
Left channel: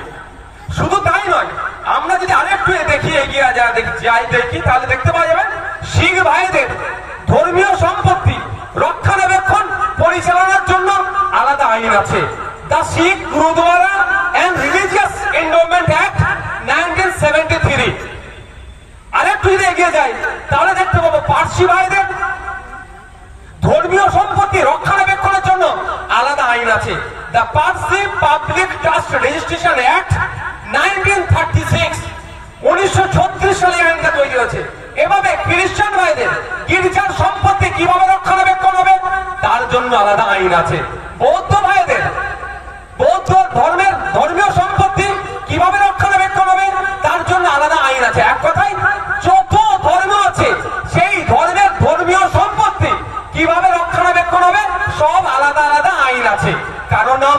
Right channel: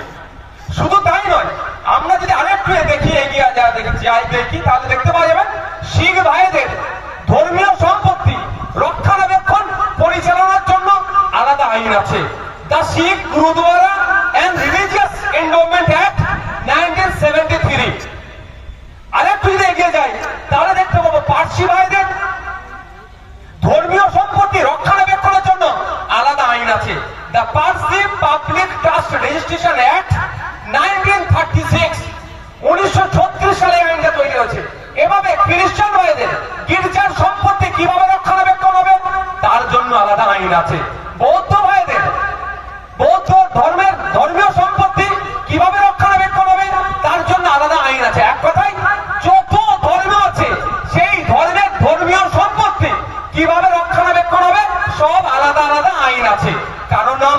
শুধু তাই নয়, আমরা যদি আরেকটু দেখি এগিয়ে দেখি তাহলে দেখতে পাওয়া যাবে শিখ ভাইদের ধর্মীয় সম্পত্তি রক্ষণাবেক্ষণ পরিচালনার জন্য আলাদা আইন আছে, the Sikh Gurdwara and religious endowment act 1973। আরেকটু যদি এগিয়ে যাই তাহলে দেখতে পাবো পার্সি ভাইদের ধর্মীয় সম্পত্তি রক্ষণাবেক্ষণের জন্য আলাদা আইন আছে, the Parsi public trust registration act 1936। 1936 সালে আইনটা তৈরি হয়েছে। এভাবে খ্রিস্টান ভাইদের গির্জার সম্পত্তি কিভাবে রক্ষণাবেক্ষণ হবে তার জন্য আলাদা আইন আছে। বৌদ্ধ ভাইদের বৌদ্ধ ধর্মীয় সম্পত্তি কিভাবে রক্ষণাবেক্ষণ হবে তার জন্য আলাদা আইন আছে। এক কথায় যত ধর্ম আছে সেই ধর্মের ধর্মীয় সম্পত্তি কিভাবে রক্ষণাবেক্ষণ হবে সব আলাদা আলাদা আইন আছে। কারো নাম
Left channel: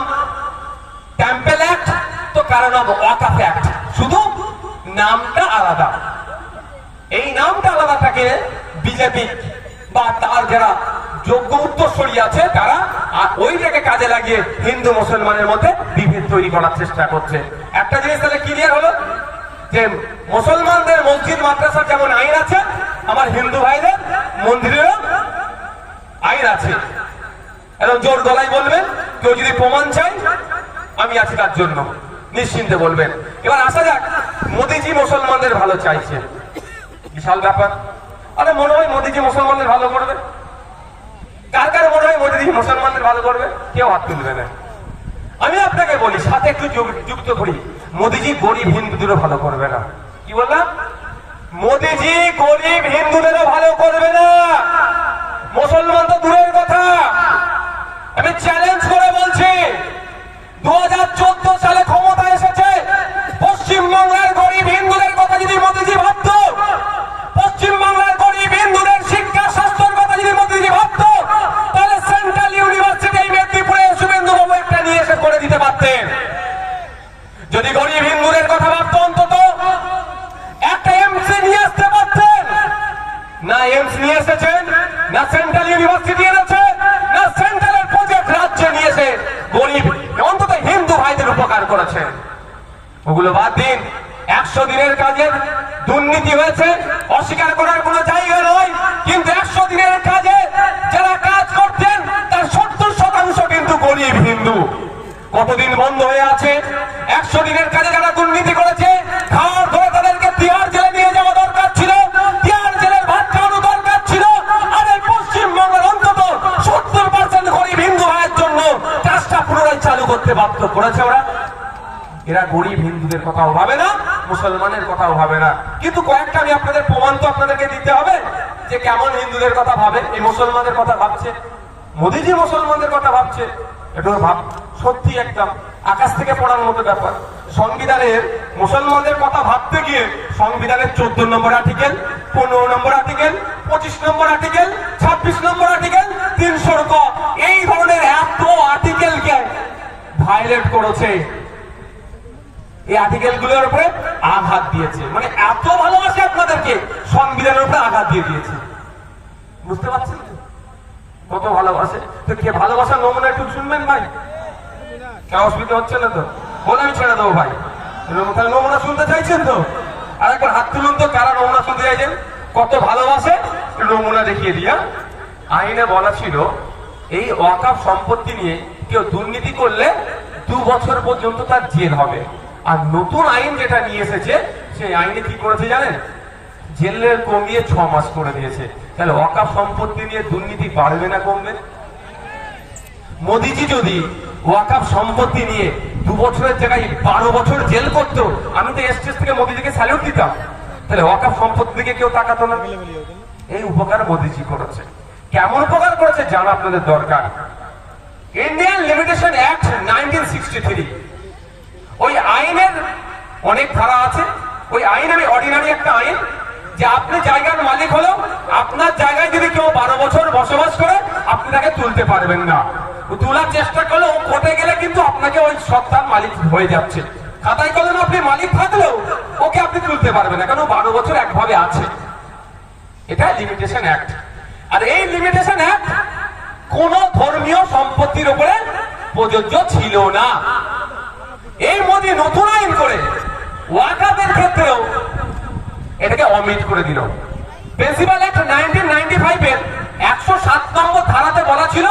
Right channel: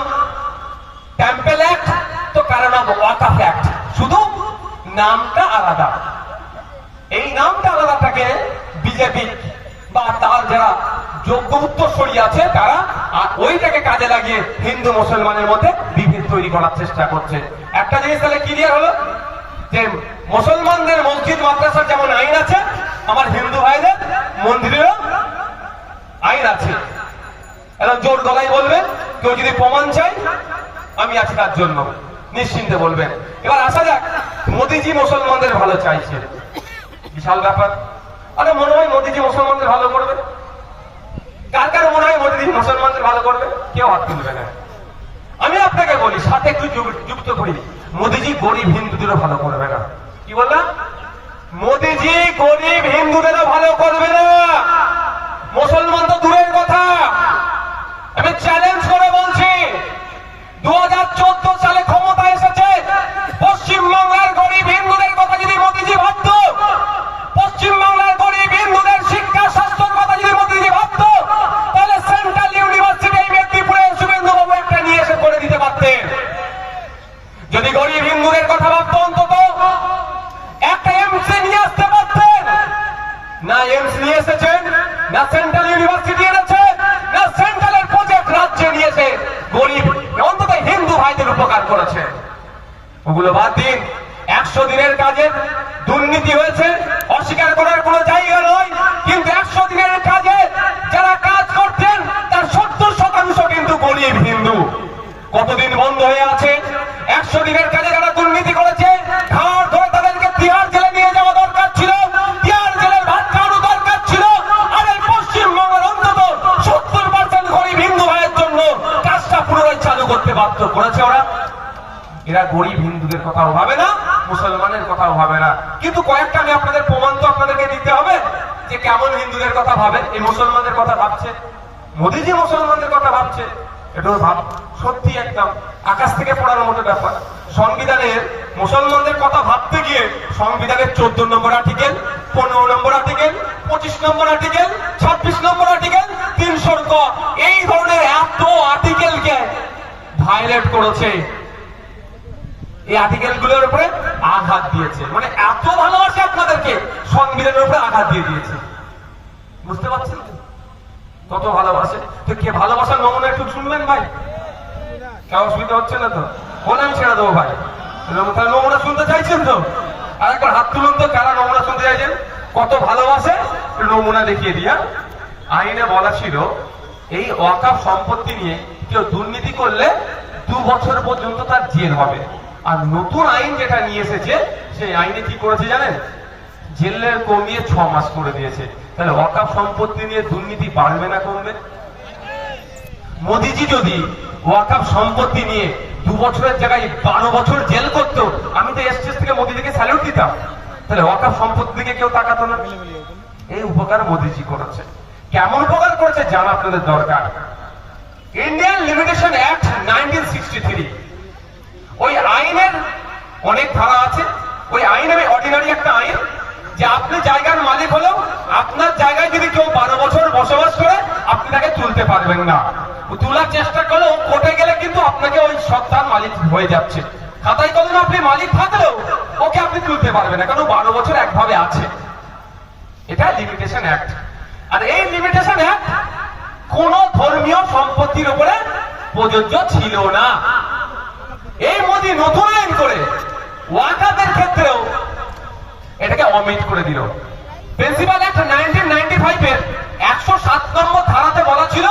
টেম্পল অ্যাক্ট তো কারো নাম ওয়াকফ অ্যাক্ট, শুধু নামটা আলাদা। এই নামটা আলাদা থাকে বিজেপি বা তার যারা যোগ্য উত্তরসূরি আছে তারা ওইটাকে কাজে লাগিয়ে হিন্দু মুসলমানের মধ্যে বিভেদ তৈরি করার চেষ্টা করছে। একটা জিনিস তাহলে ক্লিয়ার হলো যে মুসলমানদের মসজিদ মাদ্রাসার যেমন আইন আছে আমার হিন্দু ভাইদের মন্দিরেরও আইন আছে। এখন জোর গলায় বলবেন, কেউ যদি প্রমাণ চাই আমি আছি তার জন্য, নিশ্চিন্তে বলবেন। এবার আসা যাক, মোদিজি মুসলমানদের ভালো চাইছে, বিশাল ব্যাপার। আরে মনে হয় মোদিজি মুসলমানদের ভালো করবে? কার কার মনে হয় মোদিজি মুসলমানদের ভালো করবে? কেউ হাত তুলবে না। আমি আপনাকে বলি, সাথে একটু যুক্ত করি, মোদিজি গরিব হিন্দুদেরও ভালো করবে না। কি বললাম? মোদিজি গরিব হিন্দুদেরও ভালো করবে না। মুসলমান তো দূরের কথা, আমি চ্যালেঞ্জ করে বলছি 2014 সালে ক্ষমতা এসেছে, পশ্চিমবাংলার গরিব হিন্দুদের কথা যদি মোদিজি ভাবত, পশ্চিমবাংলার গরিব হিন্দুদের শিক্ষা স্বাস্থ্যের কথা যদি মোদিজি ভাবত, তাহলে সেন্ট্রাল ইউনিভার্সিটি মেদিনীপুরে শুভেন্দু বাবু একটা নিয়ে এসে করে দিতে পারতেন। যদি গরিব হিন্দুদের কথা ভাবত অন্তত একটা এমসি নিয়ে আসতে পারতেন। না এমসি নিয়ে এসেছেন, না সেন্ট্রাল ইউনিভার্সিটি এনেছে, না সেন্ট্রালের প্রজেক্ট রাজ্যে নিয়েছে গরিব অন্তত হিন্দু ভাইদের উপকার করেছে। ওগুলো বাদ দিন। 100 দিনের কাজের দুর্নীতি হয়েছে, অস্বীকার করার কোনো জায়গা নয়, কিন্তু 100 দিনের কাজে যারা কাজ করতেন তার 70% কিন্তু গরিব হিন্দু। কতদিন বন্ধ হয়ে আছে? 100 দিনের কাজে যারা দুর্নীতি করেছে ঘাড় ধরে তাদেরকে তিহার জেলে নিয়ে যাওয়া দরকার ছিল, তিহার জেলের ভাত খাওয়ানো দরকার ছিল। আর এই পশ্চিমবঙ্গের অন্তত 70% গরিব হিন্দু ভাইয়ের জন্য কাজটা পুনরায় চালু করতে বাধ্য করেছে ওরা। এরা গরিব হিন্দুদের কথাও ভাবে না, মুসলমানের কথাও ভাবে না। কিন্তু কয়েকটা আমি আপনাদের প্রমাণ তো আপনাদেরকে দিতে হবে যে কেমন হিন্দুদের কথা ভাবে, এই মুসলমানদের কথা ভাবছে। মোদিজি মুসলমানদের কথা ভাবছে, এটা ভাব সত্যি একদম আকাশ থেকে পড়ার মতো ব্যাপার। সংবিধানের মুসলমানদের কথা ভাবতে গিয়ে সংবিধানের 14 নম্বর আর্টিকেল, 15 নম্বর আর্টিকেল, 25 নম্বর আর্টিকেল, 26 নম্বর আর্টিকেল, 300 ক এই ধরনের এত আর্টিকেলকে ভায়োলেট করেছে। এই আর্টিকেল গুলোর উপরে আঘাত দিয়েছে, মানে এত ভালোবাসে আপনাদেরকে সংবিধানের উপরে আঘাত দিয়ে দিয়েছে। বুঝতে পারছেন কত ভালোবাসে? তো কে ভালোবাসার নমুনা একটু শুনবেন ভাই? কেউ অসুবিধা হচ্ছে না তো? বলেন ছেড়ে দেবো ভাই, নমুনা শুনতে চাইছেন তো? আর একবার হাত তুলুন তো, কারা নমুনা শুনতে চাইছেন? কত ভালোবাসে নমুনা দেখিয়ে দিয়া। আইনে বলা ছিল এই ওয়াকফ সম্পত্তি নিয়ে কেউ দুর্নীতি করলে 2 বছর পর্যন্ত তার জেল হবে। আর নতুন আইন যেটা নিয়ে এসেছে সেই আইনে কি করেছে জানেন? জেলের কমিয়ে 6 মাস করে দিয়েছে। তাহলে ওয়াকফ সম্পত্তি নিয়ে দুর্নীতি বাড়বে না কমবে? মোদিজি যদি ওয়াকফ সম্পত্তি নিয়ে 2 বছরের জায়গায় 12 বছর জেল করতো, আমি তো স্টেজ থেকে মোদিজিকে স্যালুট দিতাম। তাহলে ওয়াকফ সম্পত্তি দিকে কেউ তাকাতো না। এই উপকার মোদিজি করেছে। কেমন উপকার করেছে জানা আপনাদের দরকার। ইন্ডিয়ান লিমিটেশন অ্যাক্ট 1963, ওই আইনের অনেক ধারা আছে। ওই আইন আমি অর্ডিনারি একটা আইন, যে আপনি জায়গার মালিক হলো, আপনার জায়গায় যদি কেউ 12 বছর বসবাস করে আপনি তাকে তুলতে পারবেন না। তোলার চেষ্টা করলে ও কোর্টে গেলে কিন্তু আপনাকে ওই সত্তার মালিক হয়ে যাচ্ছে। খাতায় কলমে আপনি মালিক থাকলেও ওকে আপনি তুলতে পারবেন না, কারণ 12 বছর একভাবে আছে। এটা লিমিটেশন অ্যাক্ট। আর এই লিমিটেশন অ্যাক্ট কোন ধর্মীয় সম্পত্তির উপরে প্রযোজ্য ছিল না। এই মোদি নতুন আইন করে ওয়াকফের ক্ষেত্রেও এটাকে অমিট করে দিল। প্রিন্সিপাল অ্যাক্ট 1995 এর 107 নম্বর ধারাতে বলা ছিল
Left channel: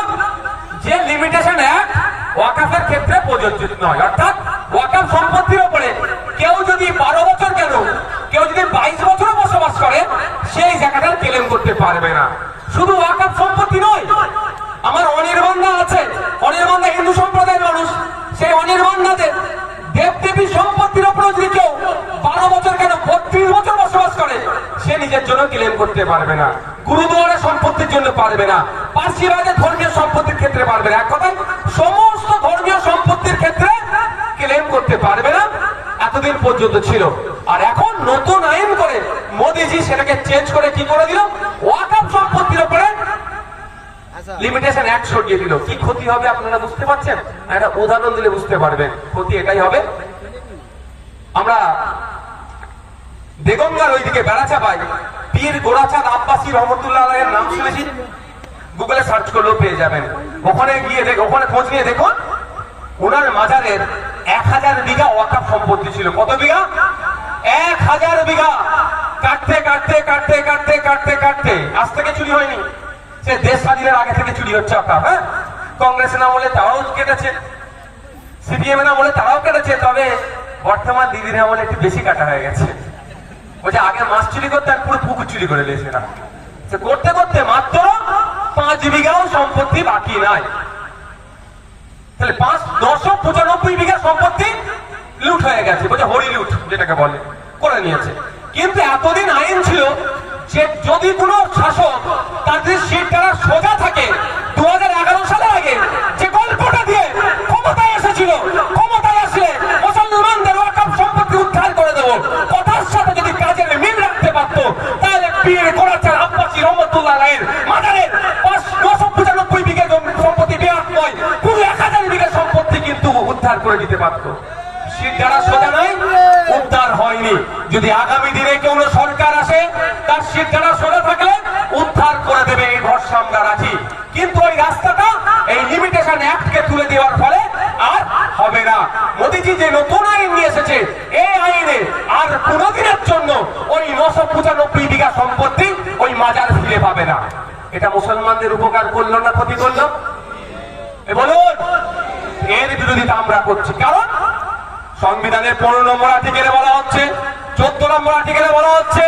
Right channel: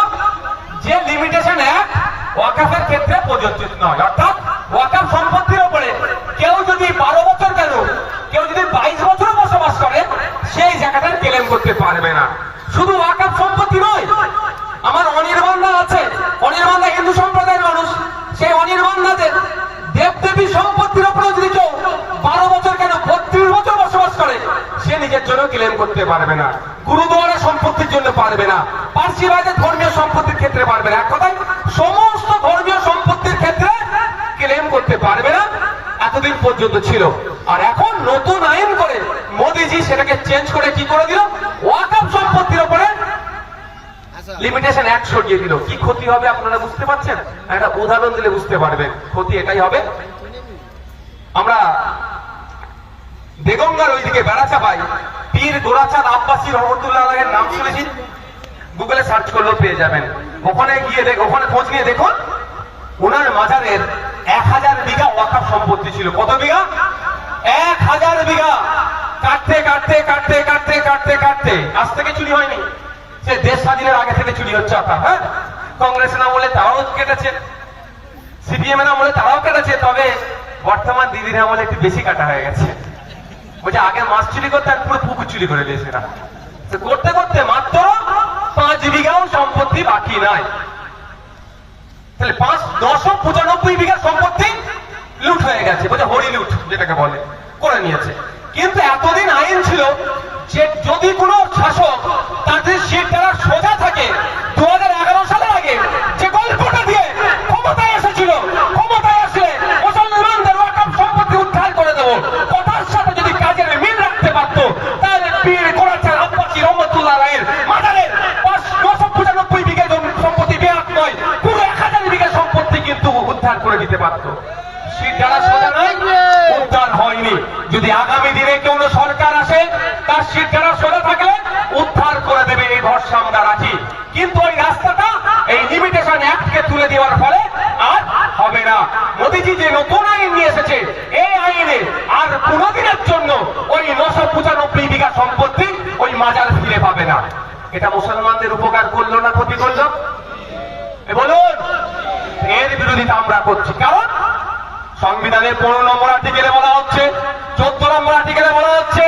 যে লিমিটেশন অ্যাক্ট ওয়াকফের ক্ষেত্রে প্রযোজ্য নয়। অর্থাৎ ওয়াকফ সম্পত্তির উপরে কেউ যদি 12 বছর কেন, কেউ যদি 22 বছর বসবাস করে সেই জায়গাটা ক্লেম করতে পারবে না। শুধু ওয়াকফ সম্পত্তি নয়, আমার অনির্বাণা আছে, অনির্বাণা হিন্দু সম্প্রদায়ের মানুষ, সেই অনির্বাণাদের দেবদেবী সম্পত্তির উপরে যদি কেউ 12 বছর কেন 32 বছর বসবাস করে সে নিজের জন্য ক্লেম করতে পারবে না, গুরুদুয়ারা সম্পত্তির জন্য পারবে না, পার্সিবাদের ধর্মীয় সম্পত্তির ক্ষেত্রে পারবে না, এক কথায় সমস্ত ধর্মীয় সম্পত্তির ক্ষেত্রে ক্লেম করতে পারবে না। এতদিন পর্যন্ত ছিল। আর এখন নতুন আইন করে মোদিজি সেটাকে চেঞ্জ করে কি করে দিল, ওয়াকফ সম্পত্তির উপরে লিমিটেশন অ্যাক্ট সরিয়ে দিল। কি ক্ষতি হবে আপনারা বুঝতে পারছেন? একটা উদাহরণ দিলে বুঝতে পারবেন ক্ষতি এটাই হবে। আমরা দেগঙ্গার ওইদিকে বেড়াচাপাই পীর গোরাচাঁদ আব্বাসী রহমতুল্লাহ আলাইহির নাম শুনেছি, গুগলে সার্চ করলেও পেয়ে যাবেন। ওখানে গিয়ে ওখানে খোঁজ নিয়ে দেখুন ওনার মাজারের 1000 বিঘা ওয়াকফ সম্পত্তি ছিল। কত বিঘা? 1000 বিঘা। কাটতে কাটতে কাটতে কাটতে কাটতে কাটতে আজ থেকে চুরি হয়নি, সে দেশ স্বাধীনের আগে থেকে চুরি হচ্ছে ওয়াকফ। হ্যাঁ, কংগ্রেসের নাম বলে তারাও কেটেছে, সিপিএম এর নাম বলে তারাও কেটেছে, তবে বর্তমান দিদির নাম বলে একটু বেশি কাটা হয়ে গেছে। ওই যে আগে মাছ চুরি করতে আর পুরো পুকুর চুরি করে দিয়েছে না, করতে করতে মাত্র 5 বিঘাও সম্পত্তি বাকি নাই। তাহলে 995 বিঘা সম্পত্তি লুট হয়ে গেছে, বোঝা হরি লুট যেটাকে বলে, করে নিয়েছে। কিন্তু এতদিন আইন ছিল যে যদি কোনো শাসক তাদের সিট দ্বারা সোজা থাকে, 2011 সালের আগে যে গল্পটা দিয়ে ক্ষমতায় এসেছিল, ক্ষমতায় আসলে মুসলমানদের ওয়াকফ সম্পত্তি উদ্ধার করে দেবো কথার সাথে যদি কাজের মিল রাখতে পারতো, তাহলে পীর গোরাচাঁদ আব্বাসী রহমতুল্লাহ আলাইহির মাজারের 995 বিঘা সম্পত্তি বেয়াত নয়, পুরো 1000 বিঘা সম্পত্তি কিন্তু উদ্ধার করে দিতে পারতো। সিট দ্বারা সোজা নয়, উদ্ধার হয়নি। যদি আগামী দিনে কোন সরকার আসে তার সিট দ্বারা সোজা থাকলে উদ্ধার করে দেবে, এই ভরসা আমরা রাখি। কিন্তু ওই রাস্তাটা এই লিমিটেশন অ্যাক্টকে তুলে দেওয়ার ফলে আর হবে না। মোদিজি যে নতুন আইন নিয়ে এসেছে, এই আইনে আর কোনদিনের জন্য ওই 995 বিঘা সম্পত্তি ওই মাজার ফিরে পাবে না। এটা মুসলমানদের উপকার করলো না ক্ষতি করলো? বলুন। এর বিরোধিতা আমরা করছি, কারণ সংবিধানের 15 নম্বর আর্টিকেলে বলা হচ্ছে, 14 নম্বর আর্টিকেলে বলা হচ্ছে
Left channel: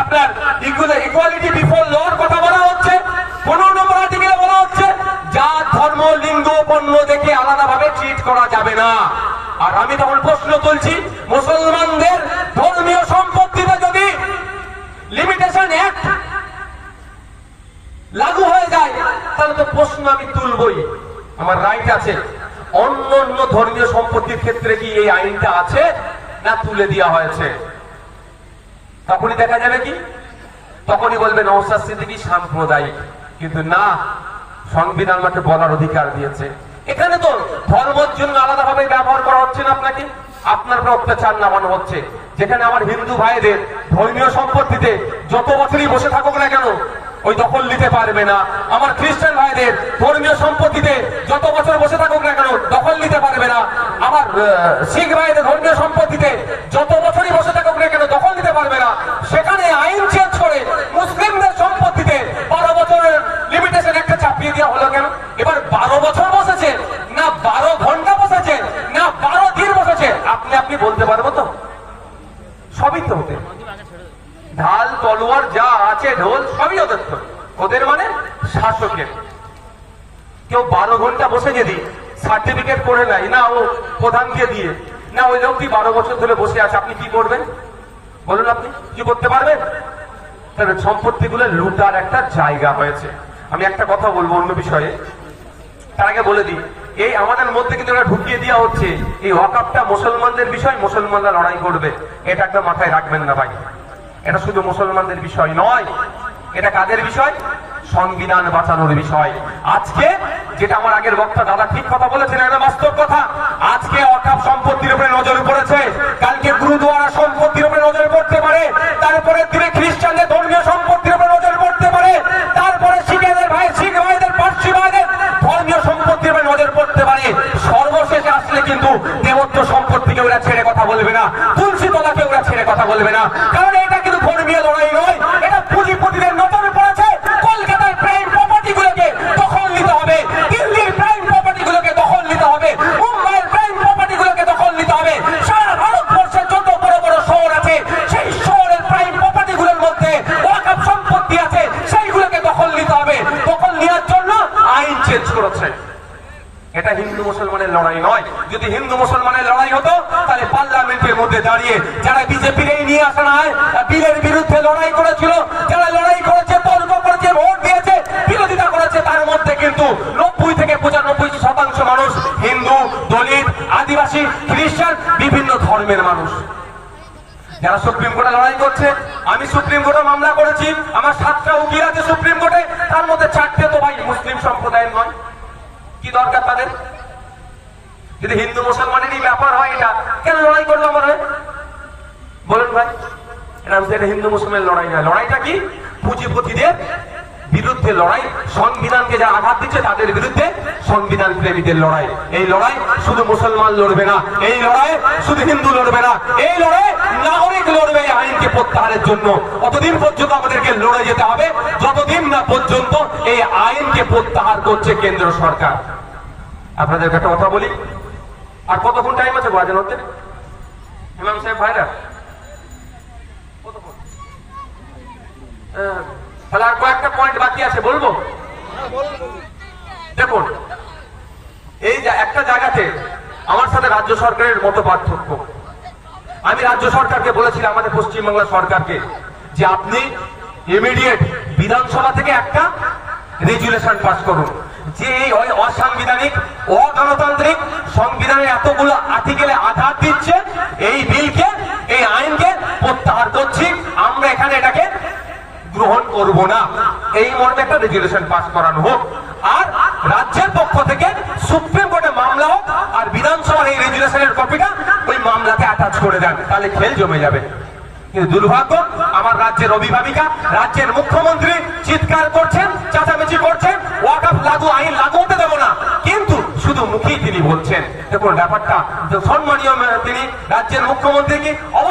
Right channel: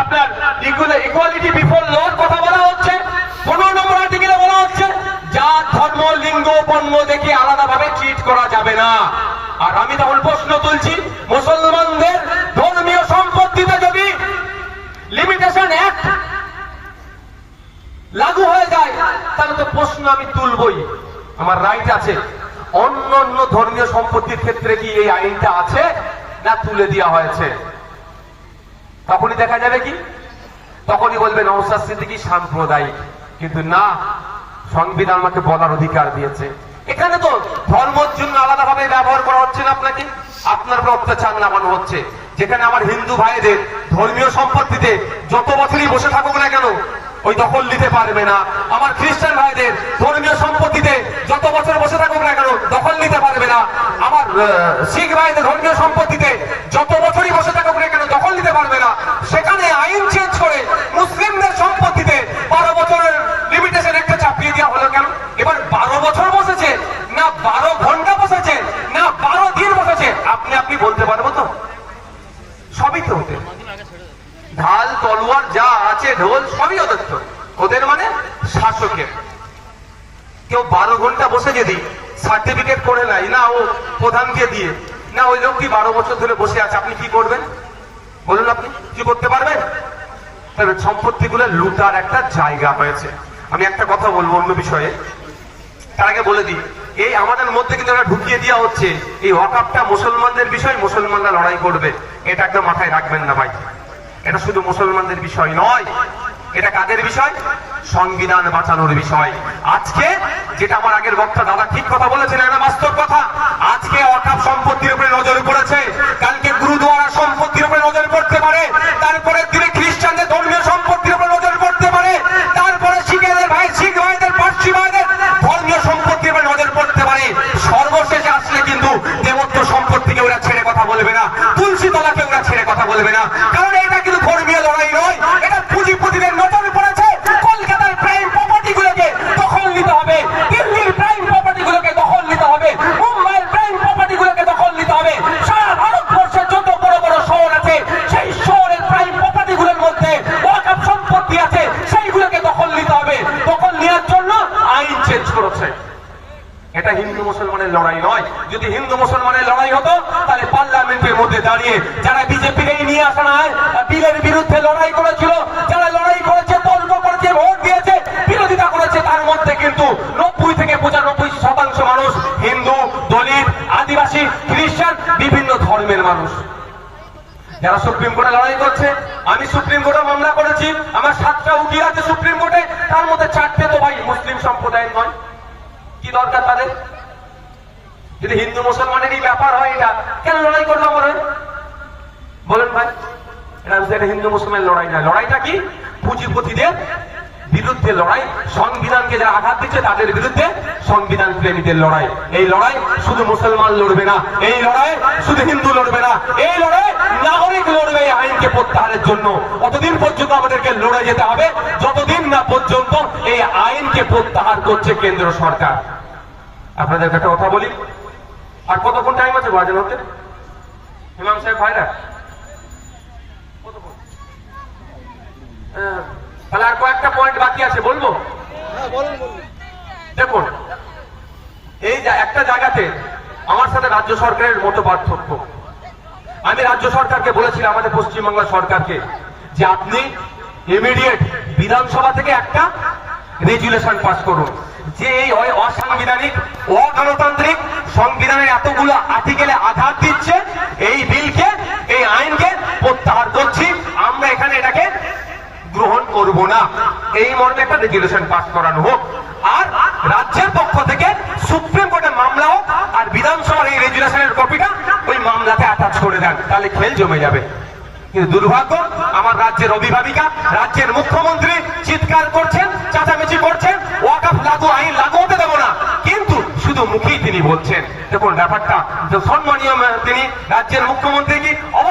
আপনার ইকুয়ালিটি বিফোর লর কথা বলা হচ্ছে, 15 নম্বর আর্টিকেলে বলা হচ্ছে জাত ধর্ম লিঙ্গ বর্ণ দেখে আলাদাভাবে ট্রিট করা যাবে না। আর আমি তখন প্রশ্ন তুলছি, মুসলমানদের ধর্মীয় সম্পত্তিতে যদি লিমিটেশন অ্যাক্ট লাগু হয়ে যায় তাহলে তো প্রশ্ন আমি তুলবই, আমার রাইট আছে। অন্য অন্য ধর্মীয় সম্পত্তির ক্ষেত্রে কি এই আইনটা আছে না তুলে দেওয়া হয়েছে? তখনই দেখা যাবে কি, তখনই বলবেন নওশাদ সিদ্দিকী সাম্প্রদায়িক। কিন্তু না, সংবিধান আমাকে বলার অধিকার দিয়েছে। এখানে তো ধর্মের জন্য আলাদাভাবে ব্যবহার করা হচ্ছে না, আপনাকে আপনার উপর অত্যাচার নামানো হচ্ছে। যেখানে আমার হিন্দু ভাইদের ধর্মীয় সম্পত্তিতে যত বছরই বসে থাকুক না কেন ওই দখল নিতে পারবে না। আমার খ্রিস্টান ভাইদের ধর্মীয় সম্পত্তিতে যত বছর বসে থাকুক না কেন দখল নিতে পারবে না। আমার শিখ ভাইদের ধর্মীয় সম্পত্তিতে যত বছরই বসে থাকুক না কেন দখল নিতে পারবে না। সেখানে আইন চেঞ্জ করে মুসলিমদের সম্পত্তিতে 12 বছরের লিমিটেশন একটা চাপিয়ে দেওয়া হলো কেন? এবার 12 বছর বসেছে না 12 ঘন্টা বসেছে না 12 দিন বসেছে, আপনি বলতে পারবো তো? সবই তো ওদের ঢাল তলোয়ার যা আছে, ঢোল সবই ওদের, তো ওদের মানে শাসকের। কেউ 12 ঘন্টা বসে যদি সার্টিফিকেট করে নাই না ও প্রধানকে দিয়ে, না ওই লোকটি 12 বছর ধরে বসে আছে, আপনি কি করবেন বলুন? আপনি কি করতে পারবেন? তাহলে সম্পত্তিগুলো লুটার একটা জায়গা হয়েছে। আমি একটা কথা বলবো অন্য বিষয়ে, তার আগে বলে দিই, এই আমাদের মধ্যে কিন্তু এটা ঢুকিয়ে দেওয়া হচ্ছে এই ওয়াকফটা মুসলমানদের বিষয়, মুসলমানরা লড়াই করবে। এটা একটা মাথায় রাখবেন না ভাই, এটা শুধু মুসলমানদের বিষয় নয়, এটা কাদের বিষয়? সংবিধান বাঁচানোর বিষয়। আজকে যেটা আমার আগের বক্তা দাদা ঠিক কথা বলেছেন, একটা বাস্তব কথা। আজকে ওয়াকফ সম্পত্তির উপরে নজর পড়েছে, কালকে গুরুদুয়ারা সম্পত্তির উপরে নজর পড়তে পারে, তারপরে দিনে খ্রিস্টানদের ধর্মীয় সম্পত্তির উপরে নজর পড়তে পারে, তারপরে শিখেদের শিখ ভাইদের পার্সি ভাইদের ধর্মীয় সম্পত্তির উপরে নজর পড়তে পারে। সর্বশেষে আসলে কিন্তু দেবত্ব সম্পত্তিকে ওরা ছেড়ে কথা বলবে না, তুলসী তলাকে ওরা ছেড়ে কথা বলবে না। কারণ এটা কিন্তু ধর্মীয় লড়াই নয়, এটা পুঁজিপতিদের নজরে পড়েছে। কলকাতার প্রাইম প্রপার্টি গুলোকে দখল নিতে হবে, দিল্লির প্রাইম প্রপার্টি গুলোকে দখল নিতে হবে, মুম্বাইয়ের প্রাইম প্রপার্টি গুলোকে দখল নিতে হবে। সারা ভারতবর্ষের যত বড় বড় শহর আছে সেই শহরের প্রাইম প্রপার্টি গুলোর মধ্যে ওয়াকফ সম্পত্তি আছে, সেইগুলোকে দখল নিতে হবে। দখল নেওয়ার জন্য আইন চেঞ্জ করেছে। এটা হিন্দু মুসলমানের লড়াই নয়। যদি হিন্দু মুসলমানের লড়াই হতো তাহলে পার্লামেন্ট পার্লামেন্টের মধ্যে দাঁড়িয়ে যারা বিজেপির এই নিয়ে আসা না বিলের বিরুদ্ধে লড়াই করেছিল, যারা লড়াই করেছে, তর্ক করেছে, ভোট দিয়েছে, বিরোধিতা করেছে, তার মধ্যে কিন্তু 90 থেকে 95% মানুষ হিন্দু, দলিত, আদিবাসী, খ্রিস্টান, বিভিন্ন ধর্মের মানুষ। যারা সুপ্রিম কোর্টে লড়াই করছে, আমি সুপ্রিম কোর্টে মামলা করেছি, আমার 7টা উকিল আছে সুপ্রিম কোর্টে, তার মধ্যে 4টে তো ভাই মুসলিম সম্প্রদায়ের নয়। কি দরকার তাদের? যদি হিন্দু মুসলমানেরই ব্যাপার হয়, এটা কেন লড়াই করলাম মনে হয়? বলেন ভাই, এটা হিন্দু মুসলমানের লড়াই না। লড়াইটা কি? পুঁজিপতিদের বিরুদ্ধে লড়াই, সংবিধানকে যারা আঘাত দিচ্ছে তাদের বিরুদ্ধে সংবিধান প্রেমীদের লড়াই। এই লড়াই শুধু মুসলমান লড়বে না, এই লড়াই শুধু হিন্দু লড়বে না, এই লড়াই নাগরিক লড়বে এই আইনকে প্রত্যাহারের জন্য। অতদিন পর্যন্ত আমাদেরকে লড়ে যেতে হবে যতদিন না পর্যন্ত এই আইনকে প্রত্যাহার করছে কেন্দ্র সরকার। আপনাদের একটা কথা বলি, আর কতক্ষণ টাইম আছে বাজে হতে? ইমাম সাহেব ভাইরা তাহলে আর কয়েকটা পয়েন্ট বাকি আছে, বলবো? দেখুন, এই যে একটা জায়গাতে আমার সাথে রাজ্য সরকারের মতো পার্থক্য। আমি রাজ্য সরকারকে বলেছিলাম, আমাদের পশ্চিমবাংলা সরকারকে, যে আপনি ইমিডিয়েট বিধানসভা থেকে একটা রেজুলেশন পাস করুন যে এই অসাংবিধানিক, অগণতান্ত্রিক সংবিধানের এতগুলো আর্টিকেলে আঘাত দিচ্ছে, এই বিলকে, এই আইনকে প্রত্যাহার করছি, আমরা এখানে এটাকে গ্রহণ করব না, এই মর্মে একটা রেজুলেশন পাস করানো হোক। আর রাজ্যের পক্ষ থেকে সুপ্রিম কোর্টে মামলা হোক, আর বিধানসভার এই রেজুলেশনের কপিটা ওই মামলাতে অ্যাটাচ করে দেন, তাহলে খেল জমে যাবে। কিন্তু দুর্ভাগ্য, আমার রাজ্যের অভিভাবিকা, রাজ্যের মুখ্যমন্ত্রী চিৎকার করছেন, চাচামেচি করছেন, ওয়াকফ লাগু আইন লাগু হতে দেবো না, কিন্তু শুধু মুখেই তিনি বলছেন। দেখুন ব্যাপারটা সম্মানীয়, তিনি রাজ্যের মুখ্যমন্ত্রী কি